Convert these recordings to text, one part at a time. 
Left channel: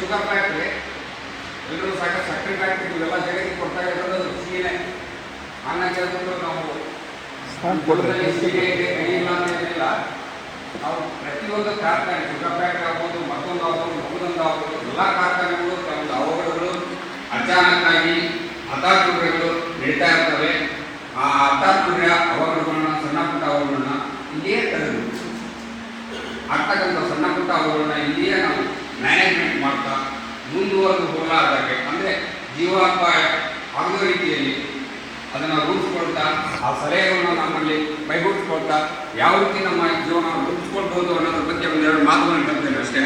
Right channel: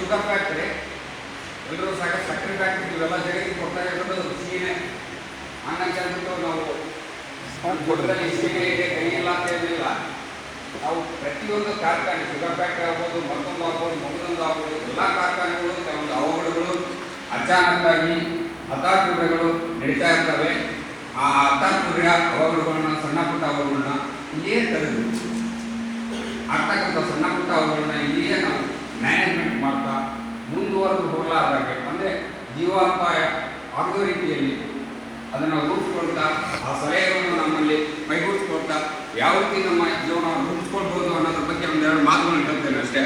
Sugar factory, ಎಲ್ಲರೂ ಸಾಕಷ್ಟು ಸಕ್ಕರೆ ಫ್ಯಾಕ್ಟ್ರಿ ಇವೆಲ್ಲ ಜಗತ್ತಿಗೆ ಕೊಡ್ತಾ ಇರೋದು ಸೀನೆ. ಹಂಗಾಗಿ ಹೇಳ್ಬಿಟ್ಟು ನಾವು ಸೀರೆ ಇದೆ ಕೈ ಇಲ್ಲ ಅಂತ ಏನಿಲ್ಲ. ನಾವು ಪ್ರತಿಯೊಂದು ಕಾರ್ಖಾನೆ, ಶುಗರ್ ಫ್ಯಾಕ್ಟ್ರಿ ಆಗ್ಬೋದು, ಮತ್ತೊಂದು ಆಗ್ಬೋದು, ಮಗದೊಂದು ಆಗ್ಬೋದು, ಎಲ್ಲ ಕಾರ್ಖಾನೆಗಳು ಕೆಲವೊಂದು ಅವಘಡಗಳು ಅಚಾನಕ್ಕಾಗಿ ಹಠಾತ್ತುಗಳು ನಡೀತಾ ಇರ್ತವೆ. ಆ ಹಠಾತ್ತುಗಳ ಅವಘಡಗಳನ್ನ, ಸಣ್ಣ ಪುಟ್ಟ ಅವಘಡಗಳನ್ನ ಇಲ್ಲಿಯೇ ತೆಗೆದು ಆಗ್ತಕ್ಕಂಥ ಸಣ್ಣ ಪುಟ್ಟ ಅವಘಡಗಳನ್ನ ಇಲ್ಲಿಯೇ ನಾವು ಮ್ಯಾನೇಜ್ಮೆಂಟ್ ಮಾಡ್ತಾ ಮುಂದುವರೆದು ಹೋಗಲಾರ್ದಾಗೆ, ಅಂದರೆ ಜೀವಾಪಾಯ ಆಗೋ ರೀತಿಯಲ್ಲಿ ಅದನ್ನು ರೂಪಿಸ್ಕೊಳ್ತಾ, ಆ ಸಲಹೆಗಳನ್ನು ನಮ್ಮಲ್ಲಿ ಕೈಗೂಡಿಸ್ಕೊಳ್ತಾ ಯಾವ ರೀತಿ ನಮ್ಮ ಜೀವನ ರೂಪಿಸ್ಕೊಳ್ಬೋದು ಅನ್ನೋದ್ರ ಬಗ್ಗೆ ಒಂದೆರಡು ಮಾತುಗಳನ್ನು ಹೇಳ್ತೇನೆ ಅಷ್ಟೇ.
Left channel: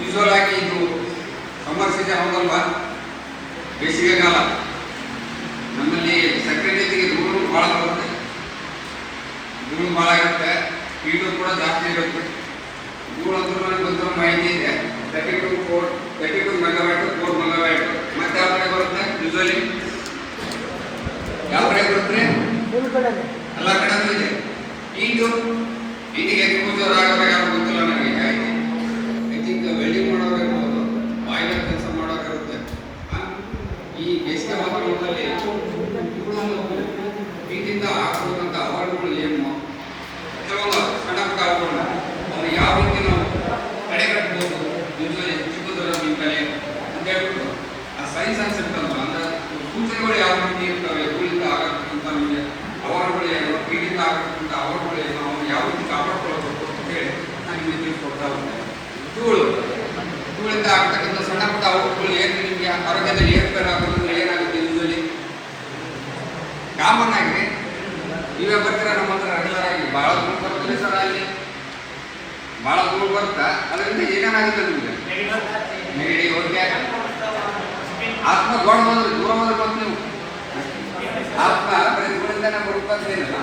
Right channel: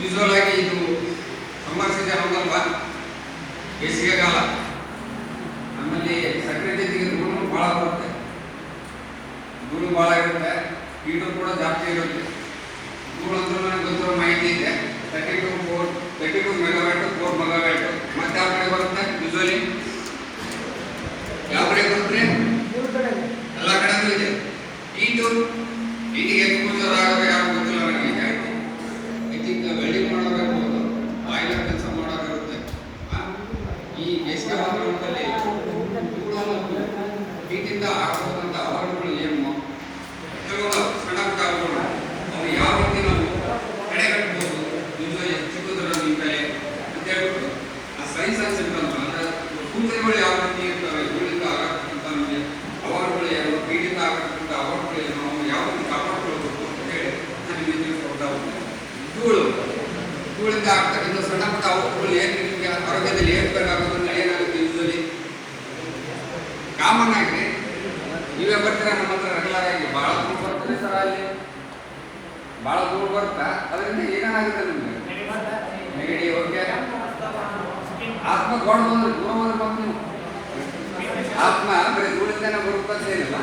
ಯೂಶುವಲ್ ಆಗಿ ಇದು ಸಮ್ಮರ್ ಸೀಸನ್ ಹೌದಲ್ವ, ಬೇಸಿಗೆಗಾಲ. ನಮ್ಮಲ್ಲಿ ಸಕ್ಕರೆ ಜೊತೆಗೆ ಧೂಳು ಭಾಳ ಬರುತ್ತೆ, ಧೂಳು ಭಾಳ ಇರುತ್ತೆ, ಕೀಟು ಕೂಡ ಜಾಸ್ತಿ ಇರುತ್ತೆ. ಧೂಳು ಅಂದ್ರೆ ನನಗೆ ಗೊತ್ತಿರೋ ಮಾಹಿತಿ ಇದೆ, 32 ಮೆಗಾವ್ಯಾಟ್, 4 ಮೆಗಾವ್ಯಾಟ್. ಮತ್ತೆ ಯಾವ ಕಡೆ ಬರುತ್ತೆ? ಯೂಶುವಲಿ ಯಾವ ಕಡೆ ಬರುತ್ತೆ? ಎಲ್ಲ ಕಡೆ ಇದೆ. ಈಟಿಗೆ ಎಕ್ಸ್ಪೋಜರ್ ಆಗಬೇಕು ಯಾರು ಗೊತ್ತಿಲ್ಲ ನನಗೆ. ಐ ಥಿಂಕ್ ವೆಲ್ಡಿಂಗ್ ಮಾಡೋದಿರ್ಬೋದು, ಬಾಯ್ಲರ್ ಕೆಲಸ ಮಾಡೋದಿರುತ್ತೆ. ಈ ಬೇಸಿಗೆ ವಾತಾವರಣದಲ್ಲಿ ಈಟಿಂದ ಆಗುವಂಥ ಅವಘಡಗಳು ಏನು, ಕೆಲವು ಸಣ್ಣ ಪುಟ್ಟ ಅವಘಡಗಳು ಅದು ಯಾವ ರೀತಿ ನಾವು ತಡೆಗಟ್ಟಬಹುದು ಚಿಕ್ಕದೊಡ್ಡ ನಿಂತಲೆ ಅಂತ ಹೇಳ್ಬಿಟ್ಟು ಆ ಸೈನ್ಸ್ ಅನ್ಸಿರ್ತಂತ, ಅಂದ್ರೆ ಸೂಚನೆಗಳು ಯಾವ ರೀತಿ ಇರ್ತವೆ, ಧೂಳಿಂದ ಆಗತಕ್ಕಂಥ ನಮಗೆ ಅವಘಡಗಳು ಏನು, ಈಟಿಂದ ಆಗತಕ್ಕಂಥ ಅವಘಡಗಳು ಏನು, ನಾವು ಯಾವ ರೀತಿ ಕಾಪಾಡ್ಕೊಳ್ಬೇಕು ಅಂತ ಹೇಳಿ ನಾನು ನಿಮಗೆ ತಿಳಿಸ್ಕೊಡ್ತಾ ಹೋಗ್ತೀನಿ. ಧೂಳಿಂದ ಆಗ್ತಕ್ಕಂಥ ಸಣ್ಣ ಪುಟ್ಟ ಅವಘಡಗಳು ಏನು, ನಿಮಗೆ ಆರೋಗ್ಯದಲ್ಲಿ ಏರ್ಪೇರಾಗೋದ್ರಿಂದ ಏನಾಗುತ್ತೆ? ಯೂಶುವಲಿ ಕಾಮನ್ ಆಗಿ ನೀವೇ ಬರ್ತೀರಾ ನಮ್ಮ ಹತ್ರ ರೆಗ್ಯುಲರ್ ಆಗಿ, ಭಾಳ ಧೂಳು ಬರುತ್ತೆ ಸರ್, ಅಲ್ಲಿ ಭಾಳ ಧೂಳು ಬರುತ್ತಾ, ಅದರಿಂದ ಏನೇನಾಗುತ್ತೆ ನಿಮಗೆ? ನೆಗಡಿ, ಹೊಗೆ, ಆತ್ಮ ದೊಡ್ಡ ಬಂದ್ರೆ ದೂರ ಬಂದ್ರೆ ಬಂದು ನೀವು ಆತ್ಮ ಬರೀ ಧೂಳಿಂದನೇ ಬರುತ್ತೆ ಅಂತ ಏನಿಲ್ಲ,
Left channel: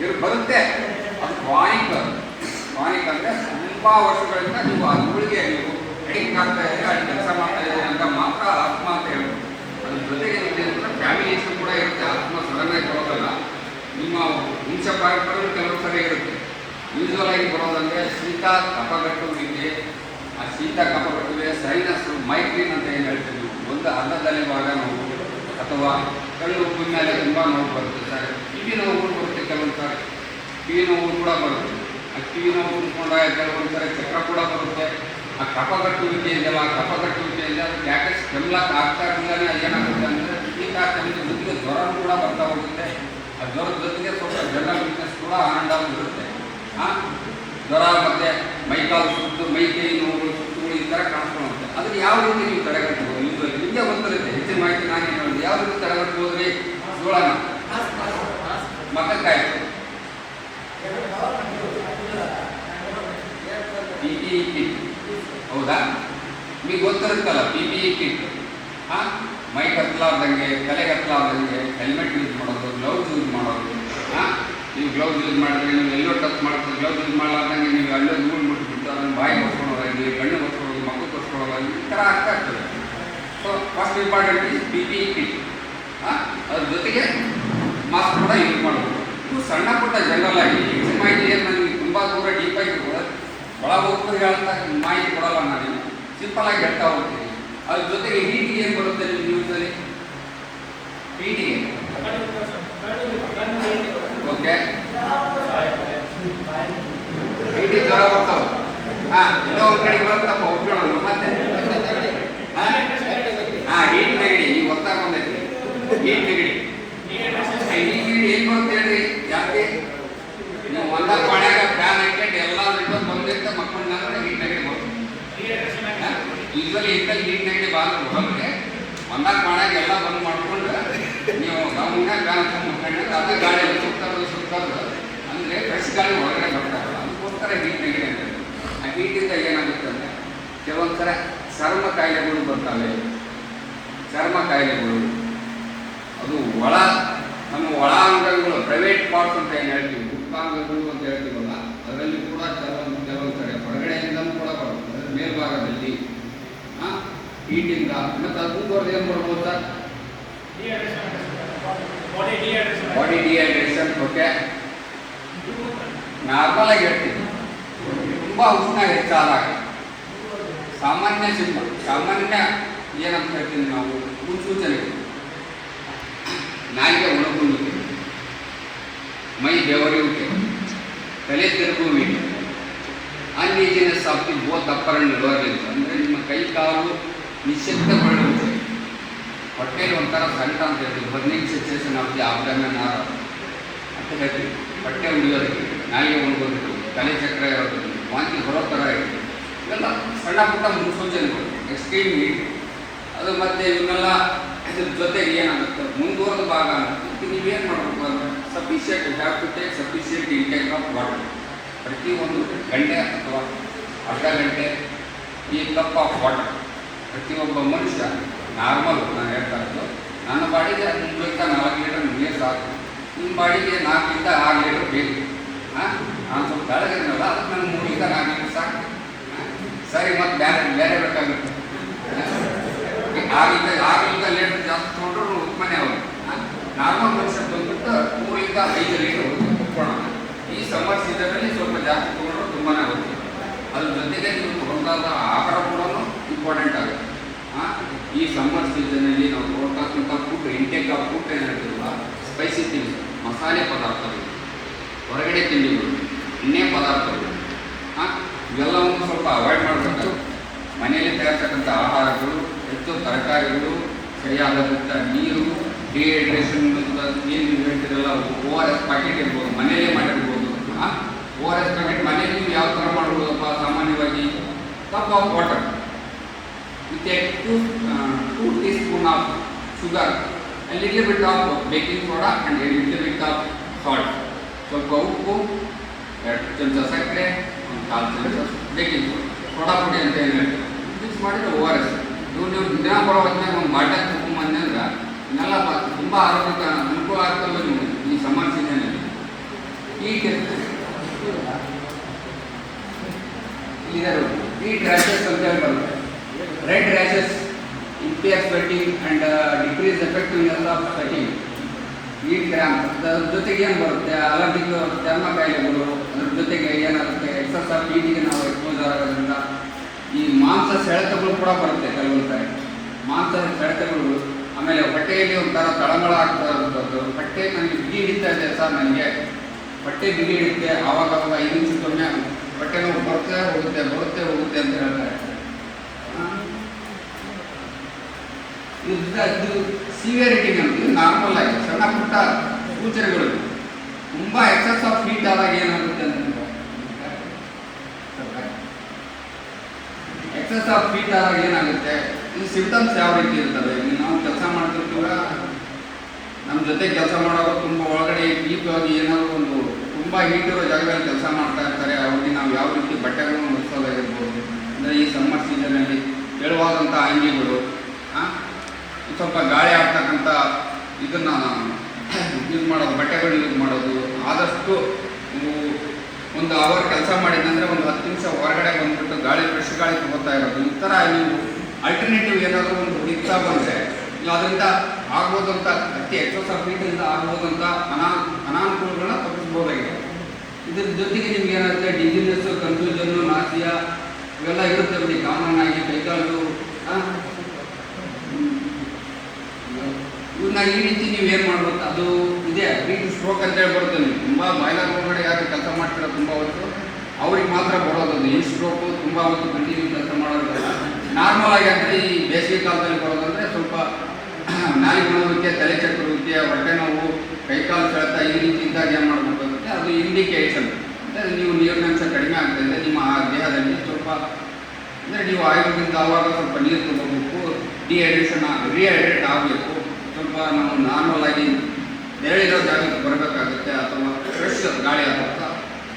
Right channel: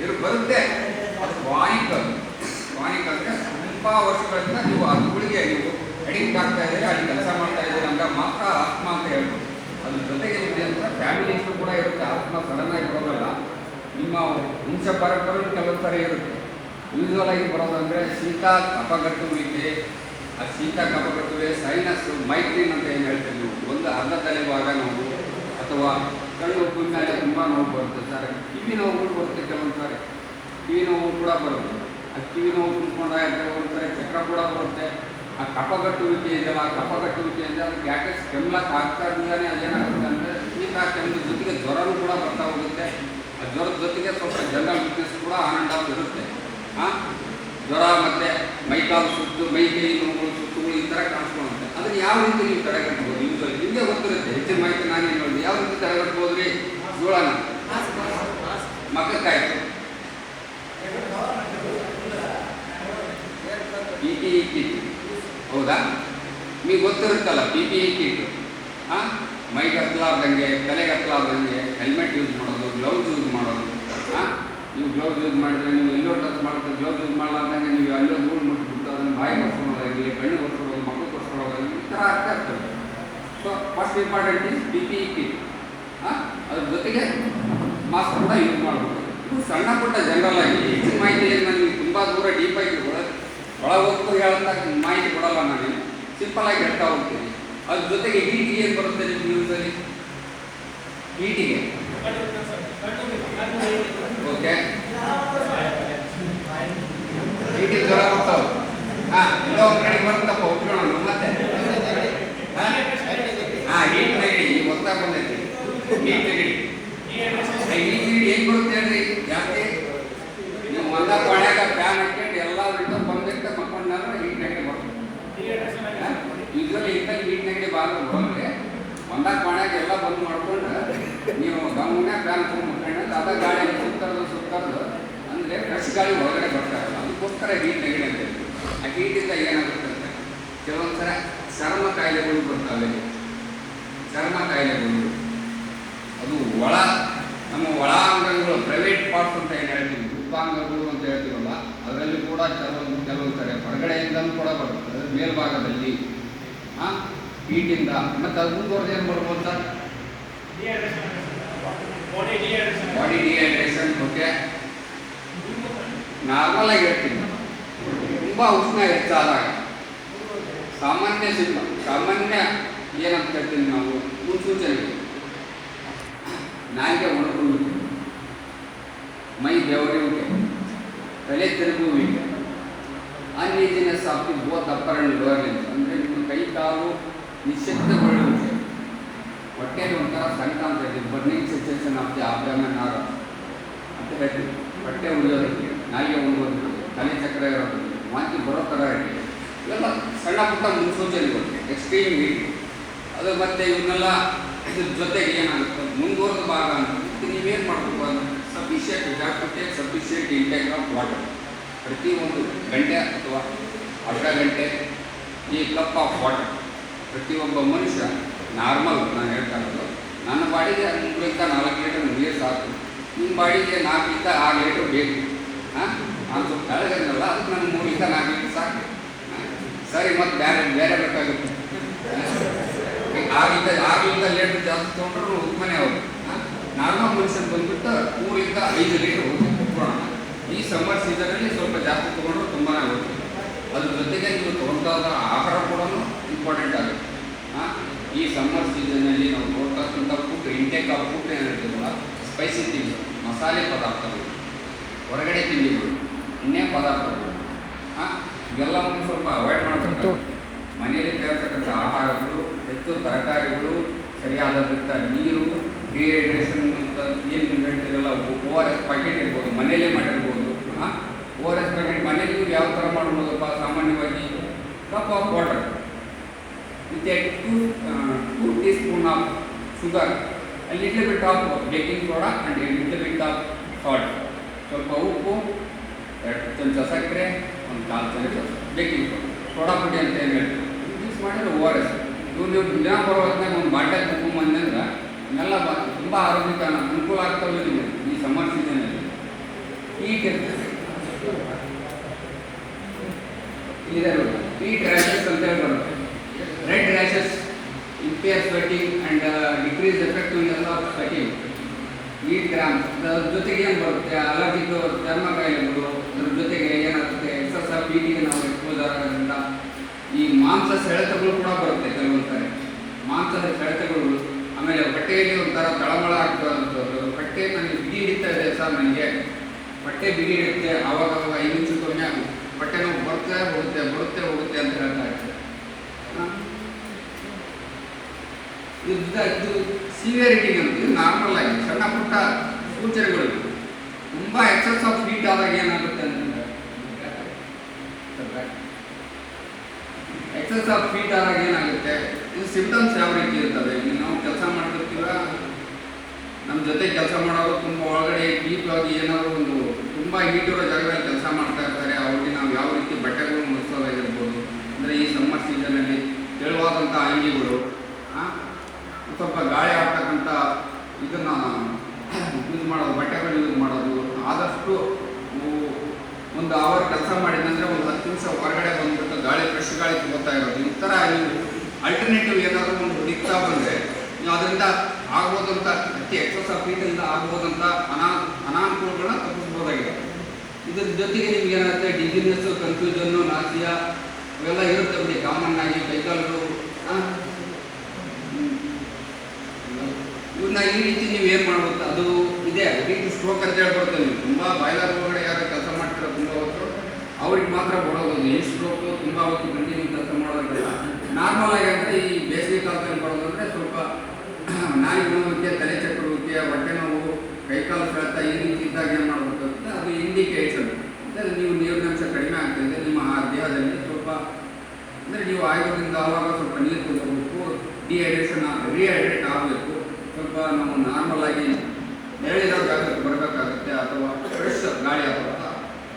ಇದು ಬರುತ್ತೆ. ಅದು ಕ್ರಾನಿಕ್ ಅಂದರೆ ತುಂಬ ವರ್ಷಗಳಿಂದ ನೀವು ಆ ಧೂಳಿಗೆ ನೀವು ಅಡಿಕ್ಟ್ ಆಗ್ತಾ ಇದ್ದೀರಿ, ಅಲ್ಲಿ ಕೆಲಸ ಮಾಡ್ತಾ ಇದ್ದೀರಿ ಅಂತ ಮಾತ್ರ ಆತ್ಮ ಅಂತ ಹೇಳ್ಬೋದು. ಅದ್ರ ಜೊತೆಗೆ ನಿಮಗೆ ಫ್ಯಾಮಿಲಿ ಇಶ್ಯೂ ಕೂಡ ಇರುತ್ತೆ. ಆತ್ಮ ಸಡನ್ ಆಗಿ ಬರೋದಿಲ್ಲ, ನಿಮ್ಮ ವಂಶ ಪರಂಪರೆ ಕೆಲವು ಸರಿ ಇರುತ್ತೆ. ಯೂಶುವಲ್ ಆಗಿ ಬರೋದಂದರೆ ಶೀತ ಕಫಗಟ್ಟುವಿಕೆ. ಆ ಶೀತ ಕಫಗಟ್ಟುವಿಕೆ ಸೈನಸ್ ಮೈಗ್ರೇನ್ ಅಂತ ಏನು ಹೇಳ್ತೀವಿ, ಒಂದು ಅನ್ನದಲ್ಲಿ ಭಾಗ ನೋವು ಅಥವಾ ಕಣ್ಣು ಉಪ್ಪಿನ ಮೇಲೆ ತುಂಬ ನೋವು ಬರುತ್ತೆ ಸರ್. ಕಿವಿ ನೋವುಗಳು ಬರುತ್ತೆ, ಕೆಲವೊಂದು ಸಾರಿ ಕಿವಿ ನೋವು ಕೂಡ ಬರುತ್ತೆ. ಆ ಕಿವಿ ನೋವು ಕುತ್ಕೊಂಡಾಗ ಕೆಲವೊಂದು ಸಾರಿ ಚಕ್ರ ಕೂಡ ಬರುತ್ತೆ. ಆ ಕಫಗಟ್ಟುವಿಕೆ ಇದೆಯಲ್ಲ, ಆ ಕಫಗಟ್ಟುವಿಕೆಯಿಂದ ಯಾಕೆ ಕೆಮ್ಲಕ್ಕೆ ಆಗ್ತಾ ಇರಲಿಲ್ಲೇ ಅದೇನಾಗುತ್ತೆ ಅಂದರೆ ಶೀತ ಕೆಮ್ಮು ಜೊತೆಗೆ ಜ್ವರನೂ ಕೂಡ ಬರ್ತಾ ಹೋಗುತ್ತೆ. ಆ ಜ್ವರದ ಜೊತೆಗೆ ಸ್ವಲ್ಪ ಜನರಲ್ ವೀಕ್ನೆಸ್ ಕೂಡ ಆನಂದ ಇರುತ್ತೆ. ಜ್ವರ ಮತ್ತು ಮೈಕಾಲು ಸುತ್ತು, ಮೈಕೈ ನೋವುಗಳು, ಸುತ್ತುಗಳು ಈ ಥರ ಕಾಣಿಸ್ಕೊಳ್ಳುತ್ತೆ. ಅದನ್ನು ಯಾವ ರೀತಿ ನೀವು ತಡೆಗಟ್ಟಬಹುದು? ನಿಮಗೆ ಗೊತ್ತಿರುತ್ತೆ, ಹೆಚ್ಚಿನ ಮಾಹಿತಿ ನಾನು ಏನು ಹೇಳಿದೆ. ಯಾವ ರೀತಿ ತಡೆಗಟ್ಟಬೋದ್ರಿ? ಜ್ವರನ ಮಕ್ಕಕ್ಕಾಯಿ PPE ಕಿಟ್, ಹೌದಾ? ನಿಮಗೆ ಗೊತ್ತಿರುತ್ತಲ್ಲ PPE ಕಿಟ್. ಮೈ ಕತ್ತಲಾರ್ದಂಗೆ, ತಲೆ ಕತ್ತಲಾರ್ದಂಗೆ ಹೆಲ್ಮೆಟ್ ಯೂಸ್ ಮಾಡೋದು, ಗ್ಲೌಸ್ ಯೂಸ್ ಮಾಡೋದು. ನೀವು ಗ್ಲೌಸ್ ಯೂಸ್ ಮಾಡಿದ್ರೆ ನೀವು ಎಲ್ಲೋ ಟಚ್ ಮಾಡ್ತೀವಿ, ಗ್ಲೌಸ್ ಯೂಸ್ ಮಾಡಲಾರ್ದಂಗೆ ನೀವು ಅಲ್ಲೋ ಧೂಳು ಮುಟ್ಬಿಟ್ಟು ಅದನ್ನು ಬಾಯಿ ಒರ್ಸ್ಕೊಳ್ಳೋದಾಗಲಿ, ಕಣ್ಣು ಒರ್ಸ್ಕೊಳ್ಳೋದು, ಮಕ್ಕಳು ಒರ್ಸ್ಕೊಳ್ಳೋದಾಗಲಿ ಈ ಥರ ಆಗ್ತಾ ಇರ್ತದೆ. So first important is PPE kit. ಅದ್ರ ಜೊತೆಗೆ ಮಾಸ್ಕ್ ಕೂಡ ಯೂಸ್ ಮಾಡಬೇಕು. ಇವು ಸಣ್ಣ ಪುಟ್ಟ ಜನರಲ್ ಆಗಿ ಹೆಚ್ಚಿನ ಮಾಹಿತಿ ಏನು ನನಗೆ ತುಂಬ ದೂರ ಡೀಪಾಗಿ ಒಳ ಹೋಗ್ತಾ ಹೇಳಂತ ಮಾಹಿತಿ ಕೊಡಲ್ಲ. ನಾನು ಸಿಂಪಲ್ ಆಗಿ ಹೇಳ್ತಾ ಹೋಗ್ತೀನಿ. ಅದ್ರ ಜೊತೆಗೆ ಹೀಟಿಗೆ ಏನು ಬರುತ್ತೆ ನಿಮ್ಮ ಜೀವನದಲ್ಲಿ? ಹೀಟಿಗೆ ಓಕೆ, ಹೀಟಿಗೆ ಜ್ವರ ಬರ್ತಾವೆ. ಇನ್ನೂ ಒಂದು ಕಡೆ ಬರುತ್ತಪ್ಪ, ಉಟ್ಕೊಳ್ಳೋಣ ಮತ್ತೆ. ಹೀಟ್ ನೆಗಡಿ ನೀವು ಗೊತ್ತಾಗ ಬಂದೈತಿ. ಹೀಟ್ ನೆಗಡಿ, ಹೀಟ್ ನೆಗಡಿ ಏನು ಬರುತ್ತೆ ಹೇಳ್ರಿ? ಯಾಕೆ ನೀವು ಒಂದ ಪಾಣ್ಯಾಗ ಫ್ಯಾನ್ ಹಾಕೊಂಡು ಎಲ್ಲ ಬಿಟ್ಟು ಬಂದಿರ್ತ ಮಕ್ಕಳನ್ನ ಹೀಟ್ ನೆಗಡಿ ಬರುತ್ತೆ. ಯೂಶುವಲಿ ಇದ್ದಲ್ಲಿ ಹೀಟ್ ನೆಗಡಿ ಬಂದ್ರೆ ಬರೋರಿಗೆ ಒಂದಾಗ ಪಾಣ್ಯಾಗ ಎಲ್ಲ ಬಂದ್ ಮಾಡ್ಕೊಂಡು ನೀವು ಗಮನ ಫ್ಯಾನ್ ಮಕ್ಕಳನ್ನ ಅದ ಗಾಳಿಯಲ್ಲಿ ಸುತ್ತಾರದು ಅಂದರೆ ಫ್ರೆಶ್ ಗಾಳಿ ಹೊರಗಡೆ ಬರ್ತಾರೆ. ಅದಕ್ಕೋಸ್ಕರ ಹೀಟ್ ನೆಗಡಿ ಅಂತ ಹೇಳ್ತೀವಿ. ಆ ಹೀಟಿಂದ ಏನಾಗುತ್ತೆ ಅಂದರೆ ಕೆಲವೊಂದು ಥರ ಚರ್ಮ ಕಾಯಿಲೆಗಳು ಬರ್ತವೆ. ಚರ್ಮ ಕಾಯಿಲೆಗಳು ಅದು ನಮ್ಮ ಒಳ ಅಂಗಗಳು, ಪ್ರೈವೇಟ್ ಪಾರ್ಟ್ಸ್ ಅಂತ ಏನು ಹೇಳ್ತೀವಿ, ಗುಪ್ತಾಂಗಗಳು ಅಂತ ಹೇಳ್ತೀವಲ್ಲ, ಅದರಲ್ಲಿ ಕೂಡ ಕೆಲವೊಂದು ಕಡೆ ಹೊರಗಡೆಯಿಂದಲೂ ಕೂಡ ಬರುತ್ತೆ. ಅದರ ಮೇಲ್ಭಾಗದಲ್ಲಿ ಹೀಟಿಂದ. ಮತ್ತು ಅದು ಮುಂದುವರೆದು ಏನು ಬರ್ಬೋದು ಸರ್? ಬಾಡಿ ಡಿಹೈಡ್ರೇಷನ್ ಬಗ್ಗೆ ನಾರ್ಮಲ್ ಆಗಿ ಹೇಳ್ತೀನಿ. ತುಂಬ ಉಷ್ಣ ಹೆಚ್ಚಾದಾಗ ಸಾಮಾನ್ಯ ಏನಂತ ಹೇಳ್ತೀನಿ ನಾವು ಮುನ್ಸೂಚನೆಗಳು: ನಾಯಿಗೆ ಒಣಗುವಿಕೆ, ಮೈ ಬೆವರುವಿಕೆ, ತಲೆ ತಿರುಗುವಿಕೆ, uneasiness of the both upper and lower limbs, ಅಂದರೆ ನಿಮ್ಮ ಕೈ ಕಾಲು ನಿಶ್ಶಕ್ತಗೊಳ್ಳುವಿಕೆ, ಹೊಟ್ಟೆಯಲ್ಲಿ ಒಂಥರ ಸಂಕಟ ಅಂತ ಹೇಳ್ತೀವಿ, burning sensation of the abdomen ಅಂತ ಹೇಳ್ತೀವಿ. ಹೊಟ್ಟೆ ಉಳಿಯೋದಕ್ಕೆ, ನಾಲಿಗೆ ಒಣಗೋದಕ್ಕೆ, ತಲೆ ಚಕ್ರ ಇರೋದಕ್ಕೆ, ವಾಂತಿ ಬರೋ ಥರ ಇರ್ತದೆ. ಇವೆಲ್ಲ ಸಣ್ಣ ಪುಟ್ಟ ಮುನ್ಸೂಚನೆಗಳು, ಎಕ್ಸ್ಟ್ರೀಮ್ ಹೀಟ್. ಅದು ಮತ್ತೆ ಇವನ್ನೆಲ್ಲ ಇದ್ರ ಜೊತೆಗೆ ಏನಾಗುತ್ತೆ ಮುಂದುವರೆದ ಭಾಗ ಅಂತ ನೀವೇನು ಮಾಡಬೇಕು ಅಂದರೆ ಸಫಿಷಿಯೆಂಟ್ ಇಂಟೇಕ್ ಆಫ್ ವಾಟರ್. ಪ್ರತಿಯೊಂದು ಗಂಟೆ ಅಥವಾ ಅರ್ಧ ಗಂಟೆ ಈ ಕಪ್ ಆಫ್ ವಾಟರ್ ಪ್ರತಿಯೊಬ್ಬ ಮನುಷ್ಯ ನಾರ್ಮಲ್. ನಾನು ಹೇಳ್ತಾ ಇರೋದು ನನ್ನ ಬಾಡಿಗೆ 3-4 ಲೀಟರ್ ನೀರು ಸಾಕು, ನಿಮ್ಮ ಬಾಡಿಗೆ 4-6 ಲೀಟರ್ ಬೇಕು. ನಾನು ಸ್ವಲ್ಪ ತಳಗಿರಲ್ಲ, ಅದಕ್ಕೆ ನನಗೆ 3-4 ಲೀಟರ್ ಸಾಕು. ಸರಿ, ಮತ್ತು ಬೇರೆ ಬೇಕಾಗುತ್ತೆ. 6 ಲೀಟರ್ ಜಾಸ್ತಿ ತೊಗೊಂಡ್ರು ಮನೆ ಅವರು ನಾರ್ಮಲ್ ಮನುಷ್ಯ ಬಂದ್ಬಿಟ್ಟು 3-5 ಲೀಟರ್ ಕುತ್ಕೊಳ್ಳೋಣ. ಈ ಸಮ್ಮರ್ ಸೀಸನಲ್ಲಿ ಸ್ವಲ್ಪ ಜಾಸ್ತಿ ತೊಗೊಂಡ್ರು ತುಂಬಾ ಆಗುತ್ತೆ. ಅದ್ರ ಜೊತೆಗೆ ನೀವು ತೊಗೊಂಡಾದ ಆಹಾರ ಕೂಡ ಇಂಪಾರ್ಟೆಂಟ್ ಆಗುತ್ತೆ. ಈ ಸಮ್ಮರ್ ಸೀಸನ್ನಲ್ಲಿ ನಾವು ನೋಡ್ತಕ್ಕಂಥ ಫುಡ್, ಇಂಟೇಕ್ ಆಫ್ ಫುಡ್ ಏನು ಹೇಳ್ತೀವಲ್ಲ, ಸ್ಪೈಸಿ ತಿಂಡಿ, ಮಸಾಲೆ ಪದಾರ್ಥಗಳು, ಹೊರಗಡೆ ತಿಂಡಿಗಳು, ಎಣ್ಣೆ ಪದಾರ್ಥಗಳು, ಇವೆಲ್ಲವನ್ನು ಸ್ವಲ್ಪ ಅವಾಯ್ಡ್ ಮಾಡಬೇಕು. ಮನೆಯಲ್ಲಿ ತಯಾರಿಸ್ತಕ್ಕಂಥ ಆಹಾರಗಳು, ಹೆಚ್ಚು ತರಕಾರಿಗಳು, ಸರಿಯಾದಂಥ ನೀರು, ಡಿಹೈಡ್ರೇಷನ್ ಅಂತ ಏನು ಹೇಳ್ತಿರಲ್ಲ, ORS ಪ್ಯಾಕೆಟ್ ಇರ್ಬೋದು, ಮನೆಯಲ್ಲೇ ಮಾಡಿರ್ಬೋದು. ORS ಪ್ಯಾಕೆಟ್ ಮನೆಯಲ್ಲಿ ನೀವು ಯಾವ ಥರ ಮಾಡ್ಬೋದಪ್ಪ? ಸಾಮಾನ್ಯವಾಗಿ cup of water with a 2 teaspoon of sugar, a little bit of baking soda and a little bit of salt. ಸ್ವಲ್ಪ ಉಪ್ಪು, 2 ಚಮಚ ಸಕ್ಕರೆ, 1/4 ಚಮಚ ಬೇಕಿಂಗ್ ಸೋಡಾ ಪುಡಿ ಅಂತ ಏನು ಹೇಳ್ತೀವಿ, ಮಿಕ್ಸ್ ಮಾಡಿದ್ರೆ ORS. ನೀವು ದಿನ ಬರೋ ಹೊತ್ತಿನಾಗ ಒಂದು ಬಾಟಲ್ ತಗೊಂಬಂದೆ ಅಂದ್ರೆ ಇನ್ನೆಲ್ಲ ತುಂಬ ಆರೋಗ್ಯಕ್ಕೆ ಅನುಕೂಲ ಆಗ್ತವೆ. ನೀವು ಈ ಸಮ್ಮರ್ ಸೀಸನಲ್ಲಿ ಹೀಟ್ ರ್ಯಾಷಸ್ ಅಂತ ಹೇಳಿ ಬರುತ್ತೆ. Red rashes, impair sweating and decrease effectiveness of sweating, heat cramp. ಅದ್ರ ಜೊತೆಗೆ ಏನು ಬರುತ್ತೆ? ಅಲರ್ಜಿಕ್ ಚರ್ಮ ಕಾಯಿಲೆಗಳು. ಅದ್ರ ಜೊತೆಗೆ ಏನಾಗುತ್ತೆ? ಎಕ್ಸಸ್ ಆಫ್ ಹೀಟಿಗೆ ನಾವು ಎಕ್ಸ್ಪೋಸ್ ಆಗೋದ್ರಿಂದ ಈ ಮಾಂಸ ಸೆಳೆತಗಳು ಕೂಡ ಬರುತ್ತೆ ಕೆಲವೊಂದು ಸಾರಿ. ಮಾಂಸದ ಸೆಳೆತಗಳು, ಆಮೇಲೆ ಹೊಟ್ಟೆಯಲ್ಲಿ ಒಂಥರ ತಳಮಳ ಆಗ್ತಾ ಇರೋಂಥದ್ದು. ಹೊಟ್ಟೆ ನನಗೆ ಬಿಗಿ ಹಿಡಿತಾ ಇದೆ ಸರ್, ನನಗೆ ಹೊಟ್ಟೆ ಬಿಗಿ ಹಿಡಿಯುತ್ತೆ, ಆವಾಗ 5 ನಿಮಿಷಕ್ಕೊಮ್ಮೆ ಹೊಟ್ಟೆ ನೋವು ಬರುತ್ತೆ ಹೋಗುತ್ತೆ ಅಂತ ಹೇಳ್ತಾ ಇರ್ತಾರೆ. ಇದು ಸಿವಿಯರಿಟಿ ಅಂತ. ಇದು ನಾರ್ಮಲ್ ಆಗಿ ಸಣ್ಣ ಪುಟ್ಟ ಸೂಚನೆಗಳು. ತುಂಬ ಎಕ್ಸಸ್ ಆಫ್ ಹೀಟ್ ಆದಾಗ ಏನಾಗುತ್ತೆ ಅಂತಂದ್ರೆ, ಎಕ್ಸಸ್ ಆಫ್ ಹೀಟ್ ಆದಾಗ ಏನಾಗುತ್ತೆ, ಇದು ಸಿಂಪ್ಟಮ್ಸ್ ಯಾವ ರೀತಿ ಇರ್ತವೆ? ಈಗ ನಾವು ಕೆಲಸ ಮಾಡ್ತಿರ್ತೀವ, ನಮ್ಮ ಜೊತೆ ಕೆಲಸ ಮಾಡೋರು ತುಂಬ ಒಳಗಡೆ ದೀಪವಾಗಿ ಏನಾದರೂ ಒಂದು ತುಂಬ ಹೀಟಿರೋ ಜಾಗದಲ್ಲಿ ಕೆಲಸ ಮಾಡ್ತಾ ಇರ್ತಾರೆ. ಅವ್ರಿಗೆ ನಾವು ಯಾವ ರೀತಿ ಬಟ್ಟೆಗಳನ್ನು ಹೊಲಿಸೋದಾಗಿರ್ಬೋದು, ಅಂದರೆ ಈ ಸಮ್ಮರ್ ಸೀಸನ್ನಲ್ಲಿ ತೆಳುವಾದಂಥ ಅಂಗಿಗಳು, ಸ್ವಲ್ಪ ಗಾಳಿ ಆಗ್ತಕ್ಕಂಥ ಇದನ್ನು ಯೂಸ್ ಮಾಡೋದು, ಬಟ್ಟೆಗಳು ಯೂಸ್ ಮಾಡೋದು. ಆದಷ್ಟು ನೀವು ಒಂದು ಅವರ್ ಕೆಲಸ ಮಾಡಿದಂದರೆ ಒಂದು 10 ನಿಮಿಷ ಹೊರಗಡೆ ಬಂದುಬಿಟ್ಟು ಗಾಳಿ, ಫ್ರೆಶ್ ಗಾಳಿ ತಗೋತಾ ಇರೋದು. ಈ ಥರ ನೀವು ಅಲ್ಟರ್ನೇಟಿವ್ ಏನಾದರೂ ಒಂದು ಹುಡುಕ್ತಾ ಬಂದರೆ ನೀವು ಅದರಿಂದ ಆಗ್ಬೋದಂಥ ಎಕ್ಸಸ್ ಆಫ್ ಹೀಟಿಂದ ಆಗ್ಬೋದಂಥ ಅನಾನುಕೂಲಗಳನ್ನ ತಪ್ಪಿಸ್ಬೋದಾಗಿದೆ. ಇದ್ರ ಜೊತೆಗೆ ನಿಮ್ಗೆ ಏನಾಗುತ್ತೆ? ಡಿಸಿನೆಸ್ಸು, ಕನ್ಫ್ಯೂಷನ್ನು, ನಾಸಿಯಾ ಇವೆಲ್ಲ ಇರುತ್ತೆ ಬಿಡಿ ಕಾಮನ್ ಆಗಿ. ಕೈಕಾಲು ಇವನ್ನ ಈ ರೀತಿ ನೀವು ಏನು ಮಾಡ್ಬೋದು? ಅದು ಇದೆ ಹೀಟ್ ಸ್ಟ್ರೋಕ್ ಅಂತ ಹೇಳಿ ಬರುತ್ತೆ. ನೀವು ತುಂಬ ಬಾಯ್ಲರ್ ಒಳಗಡೆ ಯಾರು ಕೆಲಸ ಮಾಡ್ತೀರೋ ತುಂಬ ಹೊತ್ತು, ಅವ್ರಿಗೆ ಮಾತ್ರ ಬರೋದು ಅದು ಹೀಟ್ ಸ್ಟ್ರೋಕು. ತುಂಬ ಹೊತ್ತು ಕಂಟಿನ್ಯೂ ಕೆಲಸ ಮಾಡೋದಿಲ್ಲ. ನಾರ್ಮಲ್ ಆಗಿ ಅಂದರೆ ಈ ಬೇಸಿಗೆ ಕಾಲದಲ್ಲಿ ಬರೋದಂದರೆ ಸ್ವಲ್ಪ ನಾಲಿಗೆ ನೋವುವಿಕೆ, ತಲೆ ಚಕ್ರುವಿಕೆ, ಹೊಟ್ಟೆ ನೋವು, ಕೈಕಾಲು ಸೆಳೆತ ಈ ರೀತಿ ಇದ್ದಾಗ ಏನು ಮಾಡಬೇಕಾಗುತ್ತೆ? ಅದು ಇಂಡಿಕೇಷನ್. ಅಂದರೆ ನೀವು ನೀರಿನಂಶ ಕಡಿಮೆ ಆಗ್ತಾಯಿದೆ ನಿಮ್ಮ ದೇಹದಲ್ಲಿ. ಸ್ವಲ್ಪ ಅಂದರೆ ನೀವು ಆಯುರ್ವೇದದಿಂದ ಆವಾಗ ಸ್ವಲ್ಪ ನೀರು ತಗೋಬೇಕು, ರಿಹೈಡ್ರೇಟ್ ಆಗಬೇಕು. ಸ್ವಲ್ಪ ನಾವು ನಾರ್ಮಲ್ ಆಗಿ ನೆರಳಿರೋ ಜಾಗಕ್ಕೆ ಬರಬೇಕಾಗುತ್ತೆ, ಅಥವಾ ಫ್ರೆಶ್ ಗಾಳಿ ಆಗುತ್ತಾ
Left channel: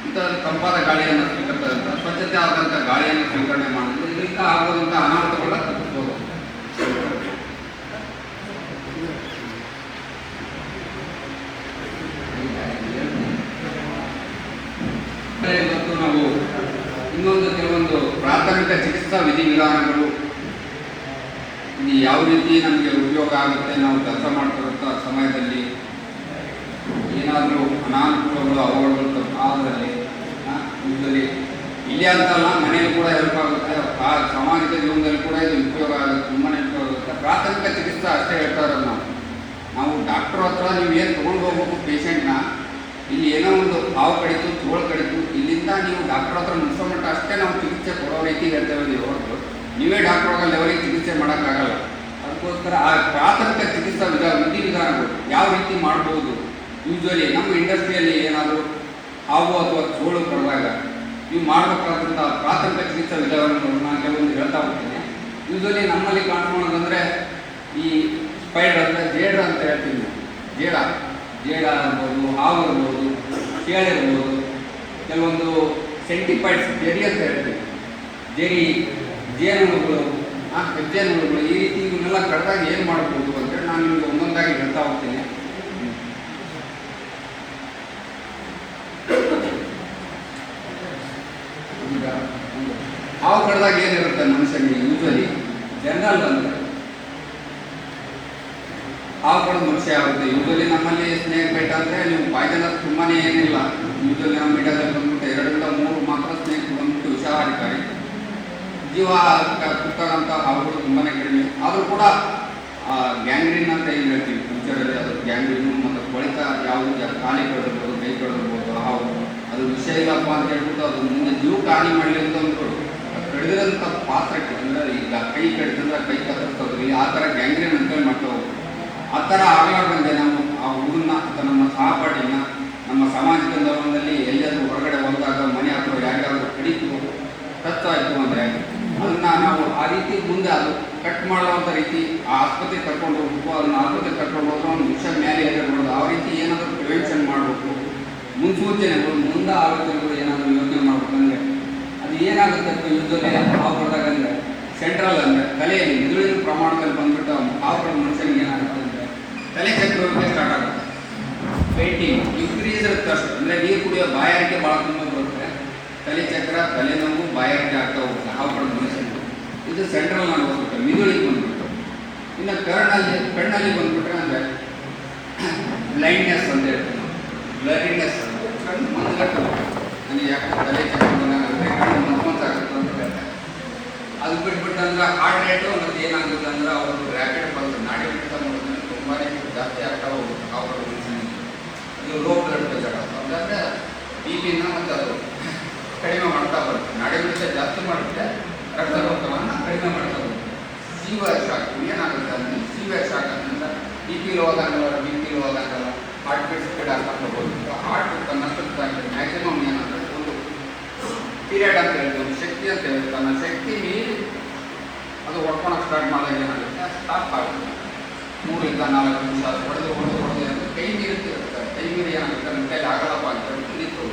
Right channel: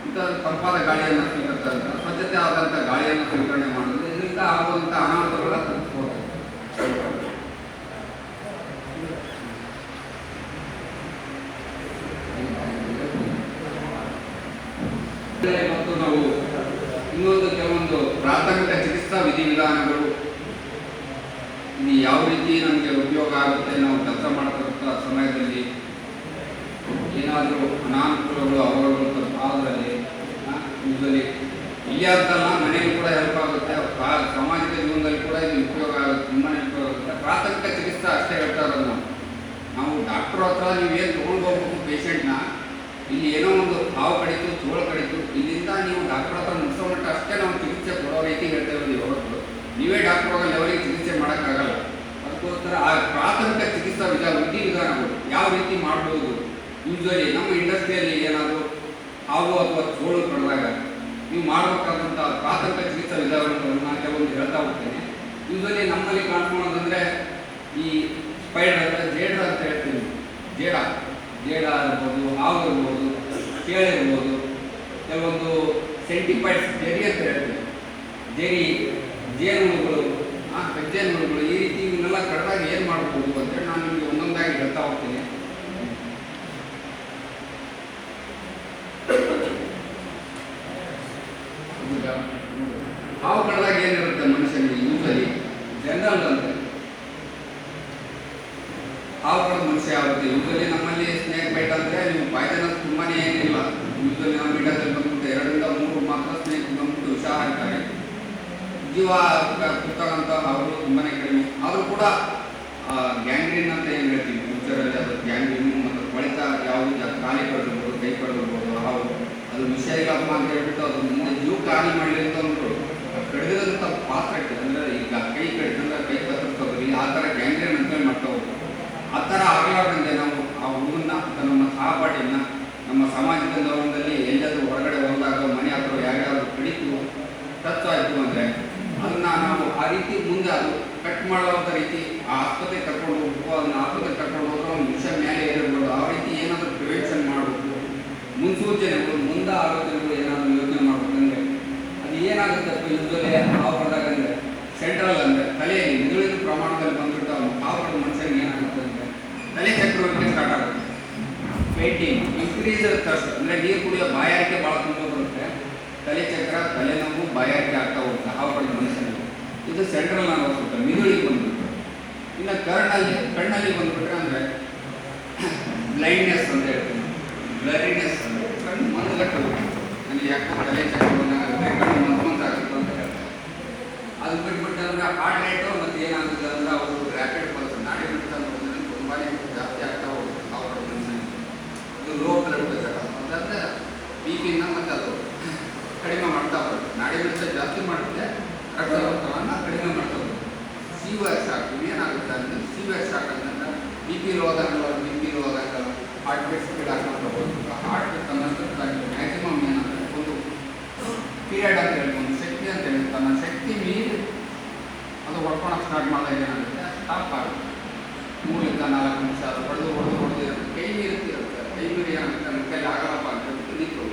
ಇಂಥ ತಂಪಾದ ಗಾಳಿಯನ್ನು ಸ್ವೀಕರಿಸಿದಂಥ ಸ್ವಚ್ಛತೆ ಆದಂಥ ಗಾಳಿಯನ್ನು ಸ್ವೀಕರಣೆ ಮಾಡಿದ್ರೆ ಇದರಿಂದ ಆಗುವಂಥ ಅನಾಹುತಗಳ ತಪ್ಪಿಸ್ಬೋದು. ಮತ್ತು ನಾವು ಇನ್ನೊಂದು ಕೆಲವೊಂದು ಪ್ರಾಥಮಿಕ ಚಿಕಿತ್ಸಾ ವಿಧಿವಿಧಾನಗಳು, ಇದು ಯಾವ ರೀತಿ ನಮಗೆ ಉಪಯೋಗ ಆಗುತ್ತೆ ನಾವು ಕೆಲಸ ಮಾಡ್ತಿರೋ ಸಮಯದಲ್ಲಿ, ಏನಾದರೂ ಅನಾನುಕೂಲಗಳು ಅವುಗಳು ಆದಲ್ಲಿ ಯೂಶಲಿ ಇಲ್ಲಿ ಅಂತಲ್ಲ ಮನೆಯಲ್ಲೂ ಕೂಡ ಹೆಲ್ಪ್ ಆಗುತ್ತೆ, ಸಮಾಜದ ಜೀವನದಲ್ಲಿ ಕೂಡ ಇದು ಉಪಯೋಗ ಆಗುತ್ತೆ, ತುಂಬಾ ಉಪಯೋಗ ಆಗುತ್ತೆ. ಪ್ರಾಥಮಿಕ ಚಿಕಿತ್ಸೆ ಅಷ್ಟೇ ಹೇಳ್ತಾ ಇರೋದು ನಾವು ಡಾಕ್ಟ್ರ್ ಹತ್ರ ನೀವು ಏನು ತೊಗೊಂಡು ಹೋಗ್ಬೇಕು ಪೇಷಂಟ್ನ. ಇಲ್ಲಿ ಏನೋ ಒಂದು ಹಾವು ಕಡಿತು, ತೋಳು ಕಡಿತು, ಇಲ್ಲಿಂದ ನೀವು ಡಾಕ್ಟ್ರ್ ಹತ್ರ ಮುಗಿಸೋ ಮಟ್ಟ ಅಷ್ಟೇ ನಾವು ಚಿಕಿತ್ಸೆ ಕೊಡೋ ರೀತಿ ಹೇಳ್ತೇವೆ ಹೊರತು ನೀವೇ ಡಾಕ್ಟ್ರ್ ಹೋಗೋ ಲೆವೆಲಿಗೆ ಚಿಕಿತ್ಸೆ ಮಾಡೋಕ್ಕಾಗಲ್ಲ. ಅದಕ್ಕೋಸ್ಕರ ಆ ಪ್ರಾಥಮಿಕ ಚಿಕಿತ್ಸಾ ವಿಧಾನಗಳು ಯಾವ ರೀತಿ ಮಾಡ್ಬೋದು. ಯೂಶ್ವಲಿ ನಮ್ಮ ಇಂಡಸ್ಟ್ರಿಯಲ್ಲಿ ಏನಾದರೂ ಹಾವು ಅಥವಾ ತೋಳು ಕಡಿದಾಗ ನೀವು ಮಾಡಬೇಕಾದಂಥ ಪ್ರಾಥಮಿಕ ಚಿಕಿತ್ಸಾ ವಿಧಾನಗಳನ್ನು ನಾನು ಕೆಲವೊಂದು ಹೇಳ್ತಾ ಹೋಗ್ತೇನೆ. ಯೂಶ್ವಲಿ ನಮ್ಮಲ್ಲಿ ಕಾಣ್ಕೊಳ್ಳೋದಂದರೆ ಈ ಸ್ಪೈಡರ್ ಅಂದರೆ ಜೇಡ್ರ ಅಂತ ಹೇಳ್ತೀವಿ. ಜೇಡ ಇರ್ಬೋದು, ಹಾವು ಇರ್ಬೋದು, ಕೇಳಿರ್ಬೋದು, ಕೆಲವೊಂದು ಸೆಂಟಿಪೈಡ್ಸ್ ಜೆರಿ ಅಂತ ಹೇಳ್ತೀವಿ. ಜೆರಿ, ಜೇನುಹುಳುಗಳು, ಹೆಜ್ಜೇನುಹುಳುಗಳು, ಈ ರೀತಿ ಇವನ್ನೆಲ್ಲ ಕಡಿದಾಗ ಏನು ಮಾಡ್ಬೋದು ಅಂತೇಳಿ ನಾನು ನಿಮಗೆ ಒಂದೊಂದಾಗಿ ಹೇಳ್ತಾ ಹೋಗ್ತೀನಿ. ಹಾವು ಕಡಿದಾಗ ಏನಿರುತ್ತೆ ಮನುಷ್ಯನಿಗೆ ಯೂಶ್ವಲಿ ಜನರಲ್ ಅಂದರೆ ಹಾವು ಕಡಿದ ಮನುಷ್ಯ ಆಗುತ್ತೆ. ಯೂಶ್ವಲಿ ನಮ್ಮಲ್ಲಿ ಸ್ನೇಕ್ ಬೈಟ್ ಅಂದರೆ ನೀವು ಪಾಯ್ಸನಸ್ ತುಂಬಾ ಏನಿಲ್ಲ. ಯೂಶ್ವಲಿ ನಮ್ಮ ಇಂಡಿಯಾದಲ್ಲಿ ಬಂದ್ಬಿಟ್ಟು 2-3 ಮಾತ್ರ ಸ್ನೇಕ್ ಬಂದ್ಬಿಟ್ಟು ವಿಷಹಾರಿಕಾರಿ. ಜೀವ ಕುತ್ತಂಥ ಹಾವುಗಳು ತುಂಬಾ ಕಡಿಮೆ. ಆದರೂ ಕೂಡ ಗ್ಯಾಂಗ್ರೀನ್ ಅಂತ ಏನು ಹೇಳ್ತೀವಿ ಫ್ಯೂಚರಲ್ಲಿ, ಅದು ಗ್ಯಾಂಗ್ರೀನು ಮತ್ತು ಕೊಳಿತ ಯಾವುದು ಖಾಲಿ ಕಡಿದಿರ್ಬೋದು, ಕೈ ಕಡಿದಿರ್ಬೋದು ಹಾವು, ಅದು ವಿಷಯ ಇಲ್ಲಪ್ಪ ಅಂತ ಹೇಳ್ಬಿಟ್ಟು ಅದು ಮುಂದೆ ಜೀವ ಖಾಲಿ ಮಾಡಲಿ ಅಂತ ಅಂದ್ಬಿಟ್ಟು ಕಡಿದಿರೋಂಥ ಪಾತ್ರಕ್ಕೆ ಅಂದರೆ ಈಗ ಕೈ ಕಡಿದ್ರೆ ಕೈ ಕತ್ತರಿಸೋದ್ರಲ್ಲಿ ಆ ಥರ ಗ್ಯಾಂಗ್ರೀನ್ ಅಂತೇಳಿ ಮಾಡ್ತಾ ಹೋಗ್ಬೋದು. ಆ ಥರ ಆಗಲಾರ್ದಂಗೆ ನಾವು ಆ ಹುಡುಗನ್ನ ಅಥವಾ ನಮ್ಮ ಸಹಪಾಠಿಯನ್ನು ನಮ್ಮ ಸಾಮಾಜಿಕ ಜೀವನದಲ್ಲಿ ಎಲ್ಲಾದರೂ ಹೊರಗಡೆ ಹೋದಾಗ ಮನೆ ಹತ್ರ ಯಾರ್ಯಾರು ಕಡಿತು ಟಚ್ ಆಯಿತು ಅಂದರೆ ಅದನ್ನು ನಾವು ಆ ರೀತಿ ಮುಂದೆ ಅದು ಕಟ್ ಮಾಡುವಂಥ ರೀತಿ ಆ ಆಸ್ಪತ್ರೆಗೆ ಕರ್ಕೊಂಡು ಹೋಗ್ಬೇಕು. ಅದನ್ನು ಆಸ್ಪತ್ರೆಗೆ ಕರ್ಕೊಂಡು ಹೋದ್ರೆ ಒಂದು ವಿಷಯ ಮೇಲೆ ಏರಿರ್ಬೋದು. ಆ ರೀತಿ ಏನಾದರೂ ಪ್ರಿವೆನ್ಷನ್ ಮಾಡಬೇಕು, ಮುನ್ಸೂಚನೆಗಳು, ಮುಂದೆ ಆಲೋಚನೆಗಳು ಏನಾದರೂ ಯೋಚನೆ ಮಾಡಬೇಕಂದ್ರೆ ಅದು ಏನಾಗುತ್ತೆ ಯೂಶ್ವಲಿ ಹಾವು ಕಡಿದಾಗ ಅಂದರೆ ಸೆಂಟ್ರಲ್ ಅಂದರೆ ತಲೆಯಲ್ಲಿ ಮಿದುಳಿನ ಪ್ರಮಾಣದಲ್ಲಿ ಬಂದ್ಬಿಟ್ಟು ಹಾವು ಕಡಿದ ಮನುಷ್ಯನಿಗೆ ಏನಾಗುತ್ತೆ ಅಂದರೆ ತಲೆ ಚಕ್ರವರ್ತಿ ಸ್ಟಾರ್ಟ್ ಆಗುತ್ತೆ. ಪೇಂಟಿಂಗ್ ಇನ್ಕ್ರೀಸ್ ಥರ್ಸ್ಟ್ ಅಂದರೆ ನೀರು ಕುಡಿಯೋ ಬಾಯಾರಿಕೆ ಭಾಳ ತುಂಬ ಬರುತ್ತೆ. ತಲೆ ಚಕ್ರ, ತಲೆನೋವು, ಬಾಯಾರಿಕೆ ಆಗ್ತಾ ಹೋಗುತ್ತೆ ಹಾವು ಕಡಿದ ಮನುಷ್ಯನಿಗೆ. ಇದು ಸೆಂಟ್ರಲ್ ನರ್ವಸ್ ಸಿಸ್ಟಮ್, ಮಿದುಳಿಗೆ ಬಂದ್ಬಿಟ್ಟು. ಇನ್ನು ಕಣ್ಣಲ್ಲಿ ಬಂದ್ಬಿಟ್ರೆ ಅಂದರೆ ಬ್ಲೈಂಡ್ನೆಸ್ ಅಂತ ಹೇಳ್ತೀವಿ ನಾವು. ಬ್ಲರಿನೆಸ್ ಅಂದರೆ ಕಣ್ಣು ಮಂದಗಟ್ಟುತ್ತೆ. ನನಗೆ ಯಾಕೆ ತಲೆ ಚಕ್ರ ಬಂದಾಗುತ್ತೆ, ಕಣ್ಣು ಮಂದಮಂತಾಗುತ್ತೆ ಅಂತ ಹೇಳ್ತಾರೆ. ಅದು ಬಿಟ್ಬಿಟ್ಟು ಅಂದ್ರೆ ಹಾರ್ಟ್ ರೇಟು ಮತ್ತು ಏನಾಗುತ್ತೆ ಅಂದ್ರೆ ಅವರು ರ್ಯಾಪಿಡ್ ಪಲ್ಸ್ ನಾಡಿ ಬಿಡ್ತಾ ಮಾಡಿದ್ರೆ ತುಂಬಾ ಜಾಸ್ತಿ ಆಗ್ತಾ ಹೋಗುತ್ತೆ ಹಾವು ಕಡಿದ ಮನುಷ್ಯನಿಗೆ. ಇದು ಲೋ ಬ್ಲಡ್ ಪ್ರೆಷರ್ ಅಂತಂದರೆ BP-ನ ಮತ್ತು ಅದು ಕಡಿಮೆ ಮಾಡ್ತಾ ಬರುತ್ತೆ. ನಾಡಿ ಬಿಡಿತ ಜಾಸ್ತಿ ಮಾಡುತ್ತೆ, ರಕ್ತದೊತ್ತಡವನ್ನು ಕಡಿಮೆ ಮಾಡ್ತಾ ಬರುತ್ತೆ. ಸೀವಿಯರ್ ಶಾಕ್ ಏನಾಗುತ್ತೆ ಅಂದರೆ ಸೀವಿಯರ್ ಶಾಕ್ ಅಂತಂದ್ರೆ BP ಲೋ ಆದಾಗ ಹಾರ್ಟ್ ಬೀಟ್ ಸ್ಪೀಡ್ ಆಗ್ತಾ ಹೋಗುತ್ತೆ. ಹಾರ್ಟ್ ಮ್ಯಾಕ್ಸಿಮಮ್ ಏನಂದರೆ ಒಂದು ಪೀರಿಯಡ್ ಅಂತ ಹೇಳ್ತೀವಿ, ಒಂದು ಶಕ್ತಿ ಅಂತ ಹೇಳ್ತೀವಿ. ತನ್ನ ಶಕ್ತಿ ಮೀರಿ ಅದು ಹೊಡ್ಕೊಳಕ್ಕೆ ಸ್ಟಾರ್ಟ್ ಮಾಡಿದಾಗ ಏನಾಗುತ್ತೆ ಸ್ಟಾಪ್ ಆಗುತ್ತೆ. 3-4 ನಿಮಿಷ ಹೊಡೆದು ಕೈ ಮೀರುತ್ತೆ. ಕೈ ಮೀರಿ ಏನಾಗುತ್ತೆ ನನ್ನ ಕೈಲಿ ಆಗಲ್ಲಪ್ಪ ಅಂತ ಹೇಳ್ಬಿಟ್ಟು ನಿಂತು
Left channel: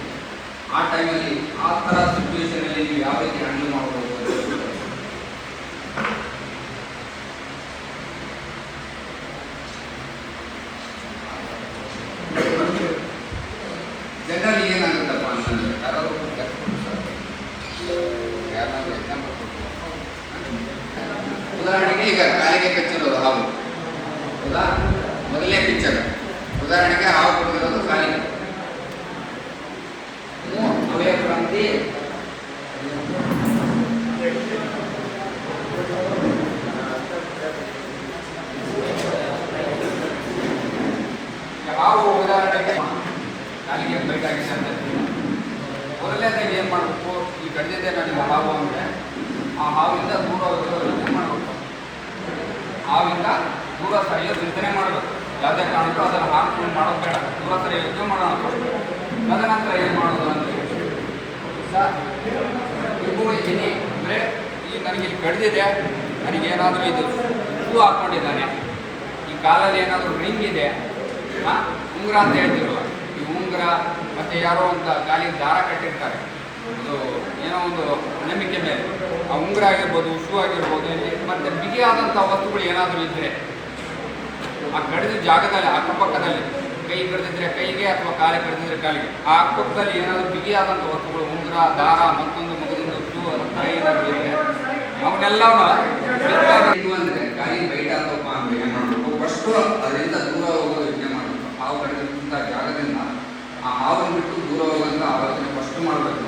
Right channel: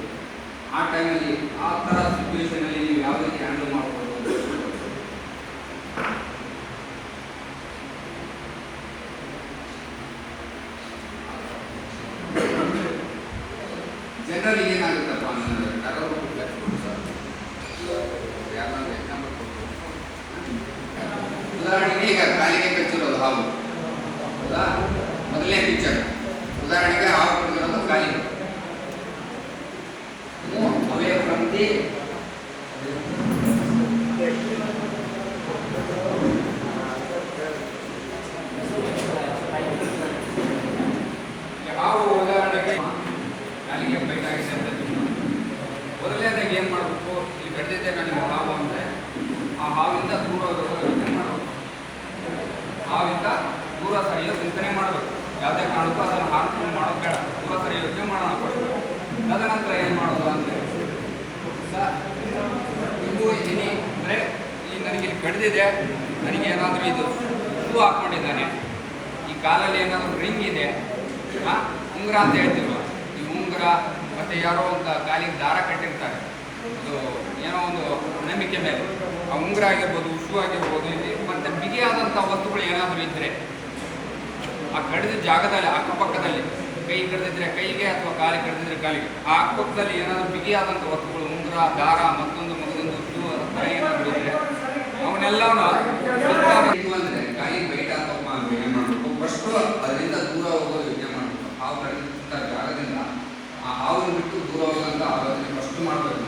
ಆ ಟೈಮಲ್ಲಿ ಆ ಥರ ಸಿಚುವೇಷನಲ್ಲಿ ನೀವು ಯಾವ ರೀತಿ ಹ್ಯಾಂಡಲ್ ಮಾಡ್ಬೋದು. ಜನರಲಿ ಏನಾಗುತ್ತಪ್ಪ ಅಂತಂದರೆ ಯಾರಾದರೂ ಎಕ್ಸಾಂಪಲ್ ಕೊಟ್ಟು, ಉದಾಹರಣೆಗೆ ಈಗ ಕಾಲಿಗೆ ಕಚ್ಚಿರೋದು ಹಾವು ಹೌದಾ, ಮೊದಲನೇ ಪಿಕ್ಚರ್. ಉದಾಹರಣೆಗೆ ಹಾವು ಕೊಟ್ಟಿರೋದು ಕಾಲಿಗೆ. ಅವೇ ಪ್ರತಿ ಹಾವು ಉದಾಹರಣೆಗೆ ಕಾಲಿಗೆ ಬೈಟ್ ಆಗಿದೆ ಅಂತ ಮೊದಲನೇದಾಗಿ ಏನು ಮಾಡಬೇಕು, ಈ ಕಡಿದಿದ್ದೆ ನನಗೆ ಹಾವು ಅಂದರೆ ಆ ಹಾವಿಂದ ದೂರ ಯೋಚನೆ ಮಾಡಬೇಕು. ಹಾವಿಂದ ದೂರ ಸರಿಯೋ ಚಿಂತನೆ ಮಾಡಬೇಕು. ಯಾವುದೇ ಕಾರಣಕ್ಕೂ ಅದನ್ನು ಹಾಕ್ಕೊಂಡು ಮಾಡೋದು ಬೇಡ, ದೂರ ಸರಿ ಯೋಚನೆ ಮಾಡೋಣ ಫಸ್ಟ್. ತದನಂತರ ಏನು ಮಾಡೋದು ಅಂತ ಇವು ಇದ್ದೀನಿ ಅಂದರೆ ಈ ನನಗೆ ಕಡಿದಿದೆ, ನನಗೇನಾದರೂ ಇದು ಶೂ ಹಾಕ್ಕೊಂಡಿದ್ದಾನೆ, ಈ ಕಾಲಲ್ಲಿ ಏನಾದರೂ ರಿಂಗ್ ಇದೆ, ಉಂಗುರ ಅಂತ ಹೇಳ್ತಿರುವ ಈ ಉಂಗುರ ಮತ್ತು ಯಾರೋ ಒಂದು ಕಾಲಿಗೆ ದಾರ ಕಟ್ಟಿರ್ತಾರೆ, ಅದು ಏನೋ ಒಂದು ನಂಬಿಕೆ ಮೇಲೆ ಆ ಉಂಗುರ ಆಗಿರ್ಬೋದು, ಶೂ ಆಗಿರ್ಬೋದು, ಮತ್ತು ಬಿಗಿಯಾದಂಥ ವಸ್ತುಗಳು ಏನಾದರೂ ಇದ್ದರೆ ಆ ಕಡಿದ ಜಾಗದಲ್ಲಿ ಅಕ್ಕಪಕ್ಕದಲ್ಲಿ ಕೈ ಕಡಿದಿದ್ರೆ ಕೈಗೆ ಅಥವಾ ಕಾಲಿ ಕಡಿದಿದ್ರೆ ಕಾಲಿಗೆ ಆ ಅಕ್ಕಪಕ್ಕದಲ್ಲಿ ಏನಾದರೂ ಬಿಗಿಯಾದಂಥ ವಸ್ತುಗಳು ಉಂಗುರ, ದಾರ, ಮತ್ತೊಂದು ಶೂ ಕೈ ಏನಾದರೂ ಇದ್ದರೆ ಅವನ್ನೆಲ್ಲವೂ ಇದು ಅಂದರೆ ಕಾಲಿಗೆ ಬೈಟ್ ಆಗ್ತಪ್ಪ ಅಂದರೆ ಏನು ಮಾಡಬೇಕು, ಫಸ್ಟು ಅದರಿಂದ ದೂರ ಹೋಗೋದು ಯೋಚನೆ ಮಾಡಬೇಕು. ಹಾವು ಕಡಿದ ಅಂಥ ಜಾಗದಿಂದ ಆ ಹಾವನ್ನು ಬಿಟ್ಟು ದೂರ ಹೋಗೋಂಥ ಆಲೋಚನೆ ಫಸ್ಟ್ ಮಾಡಬೇಕು.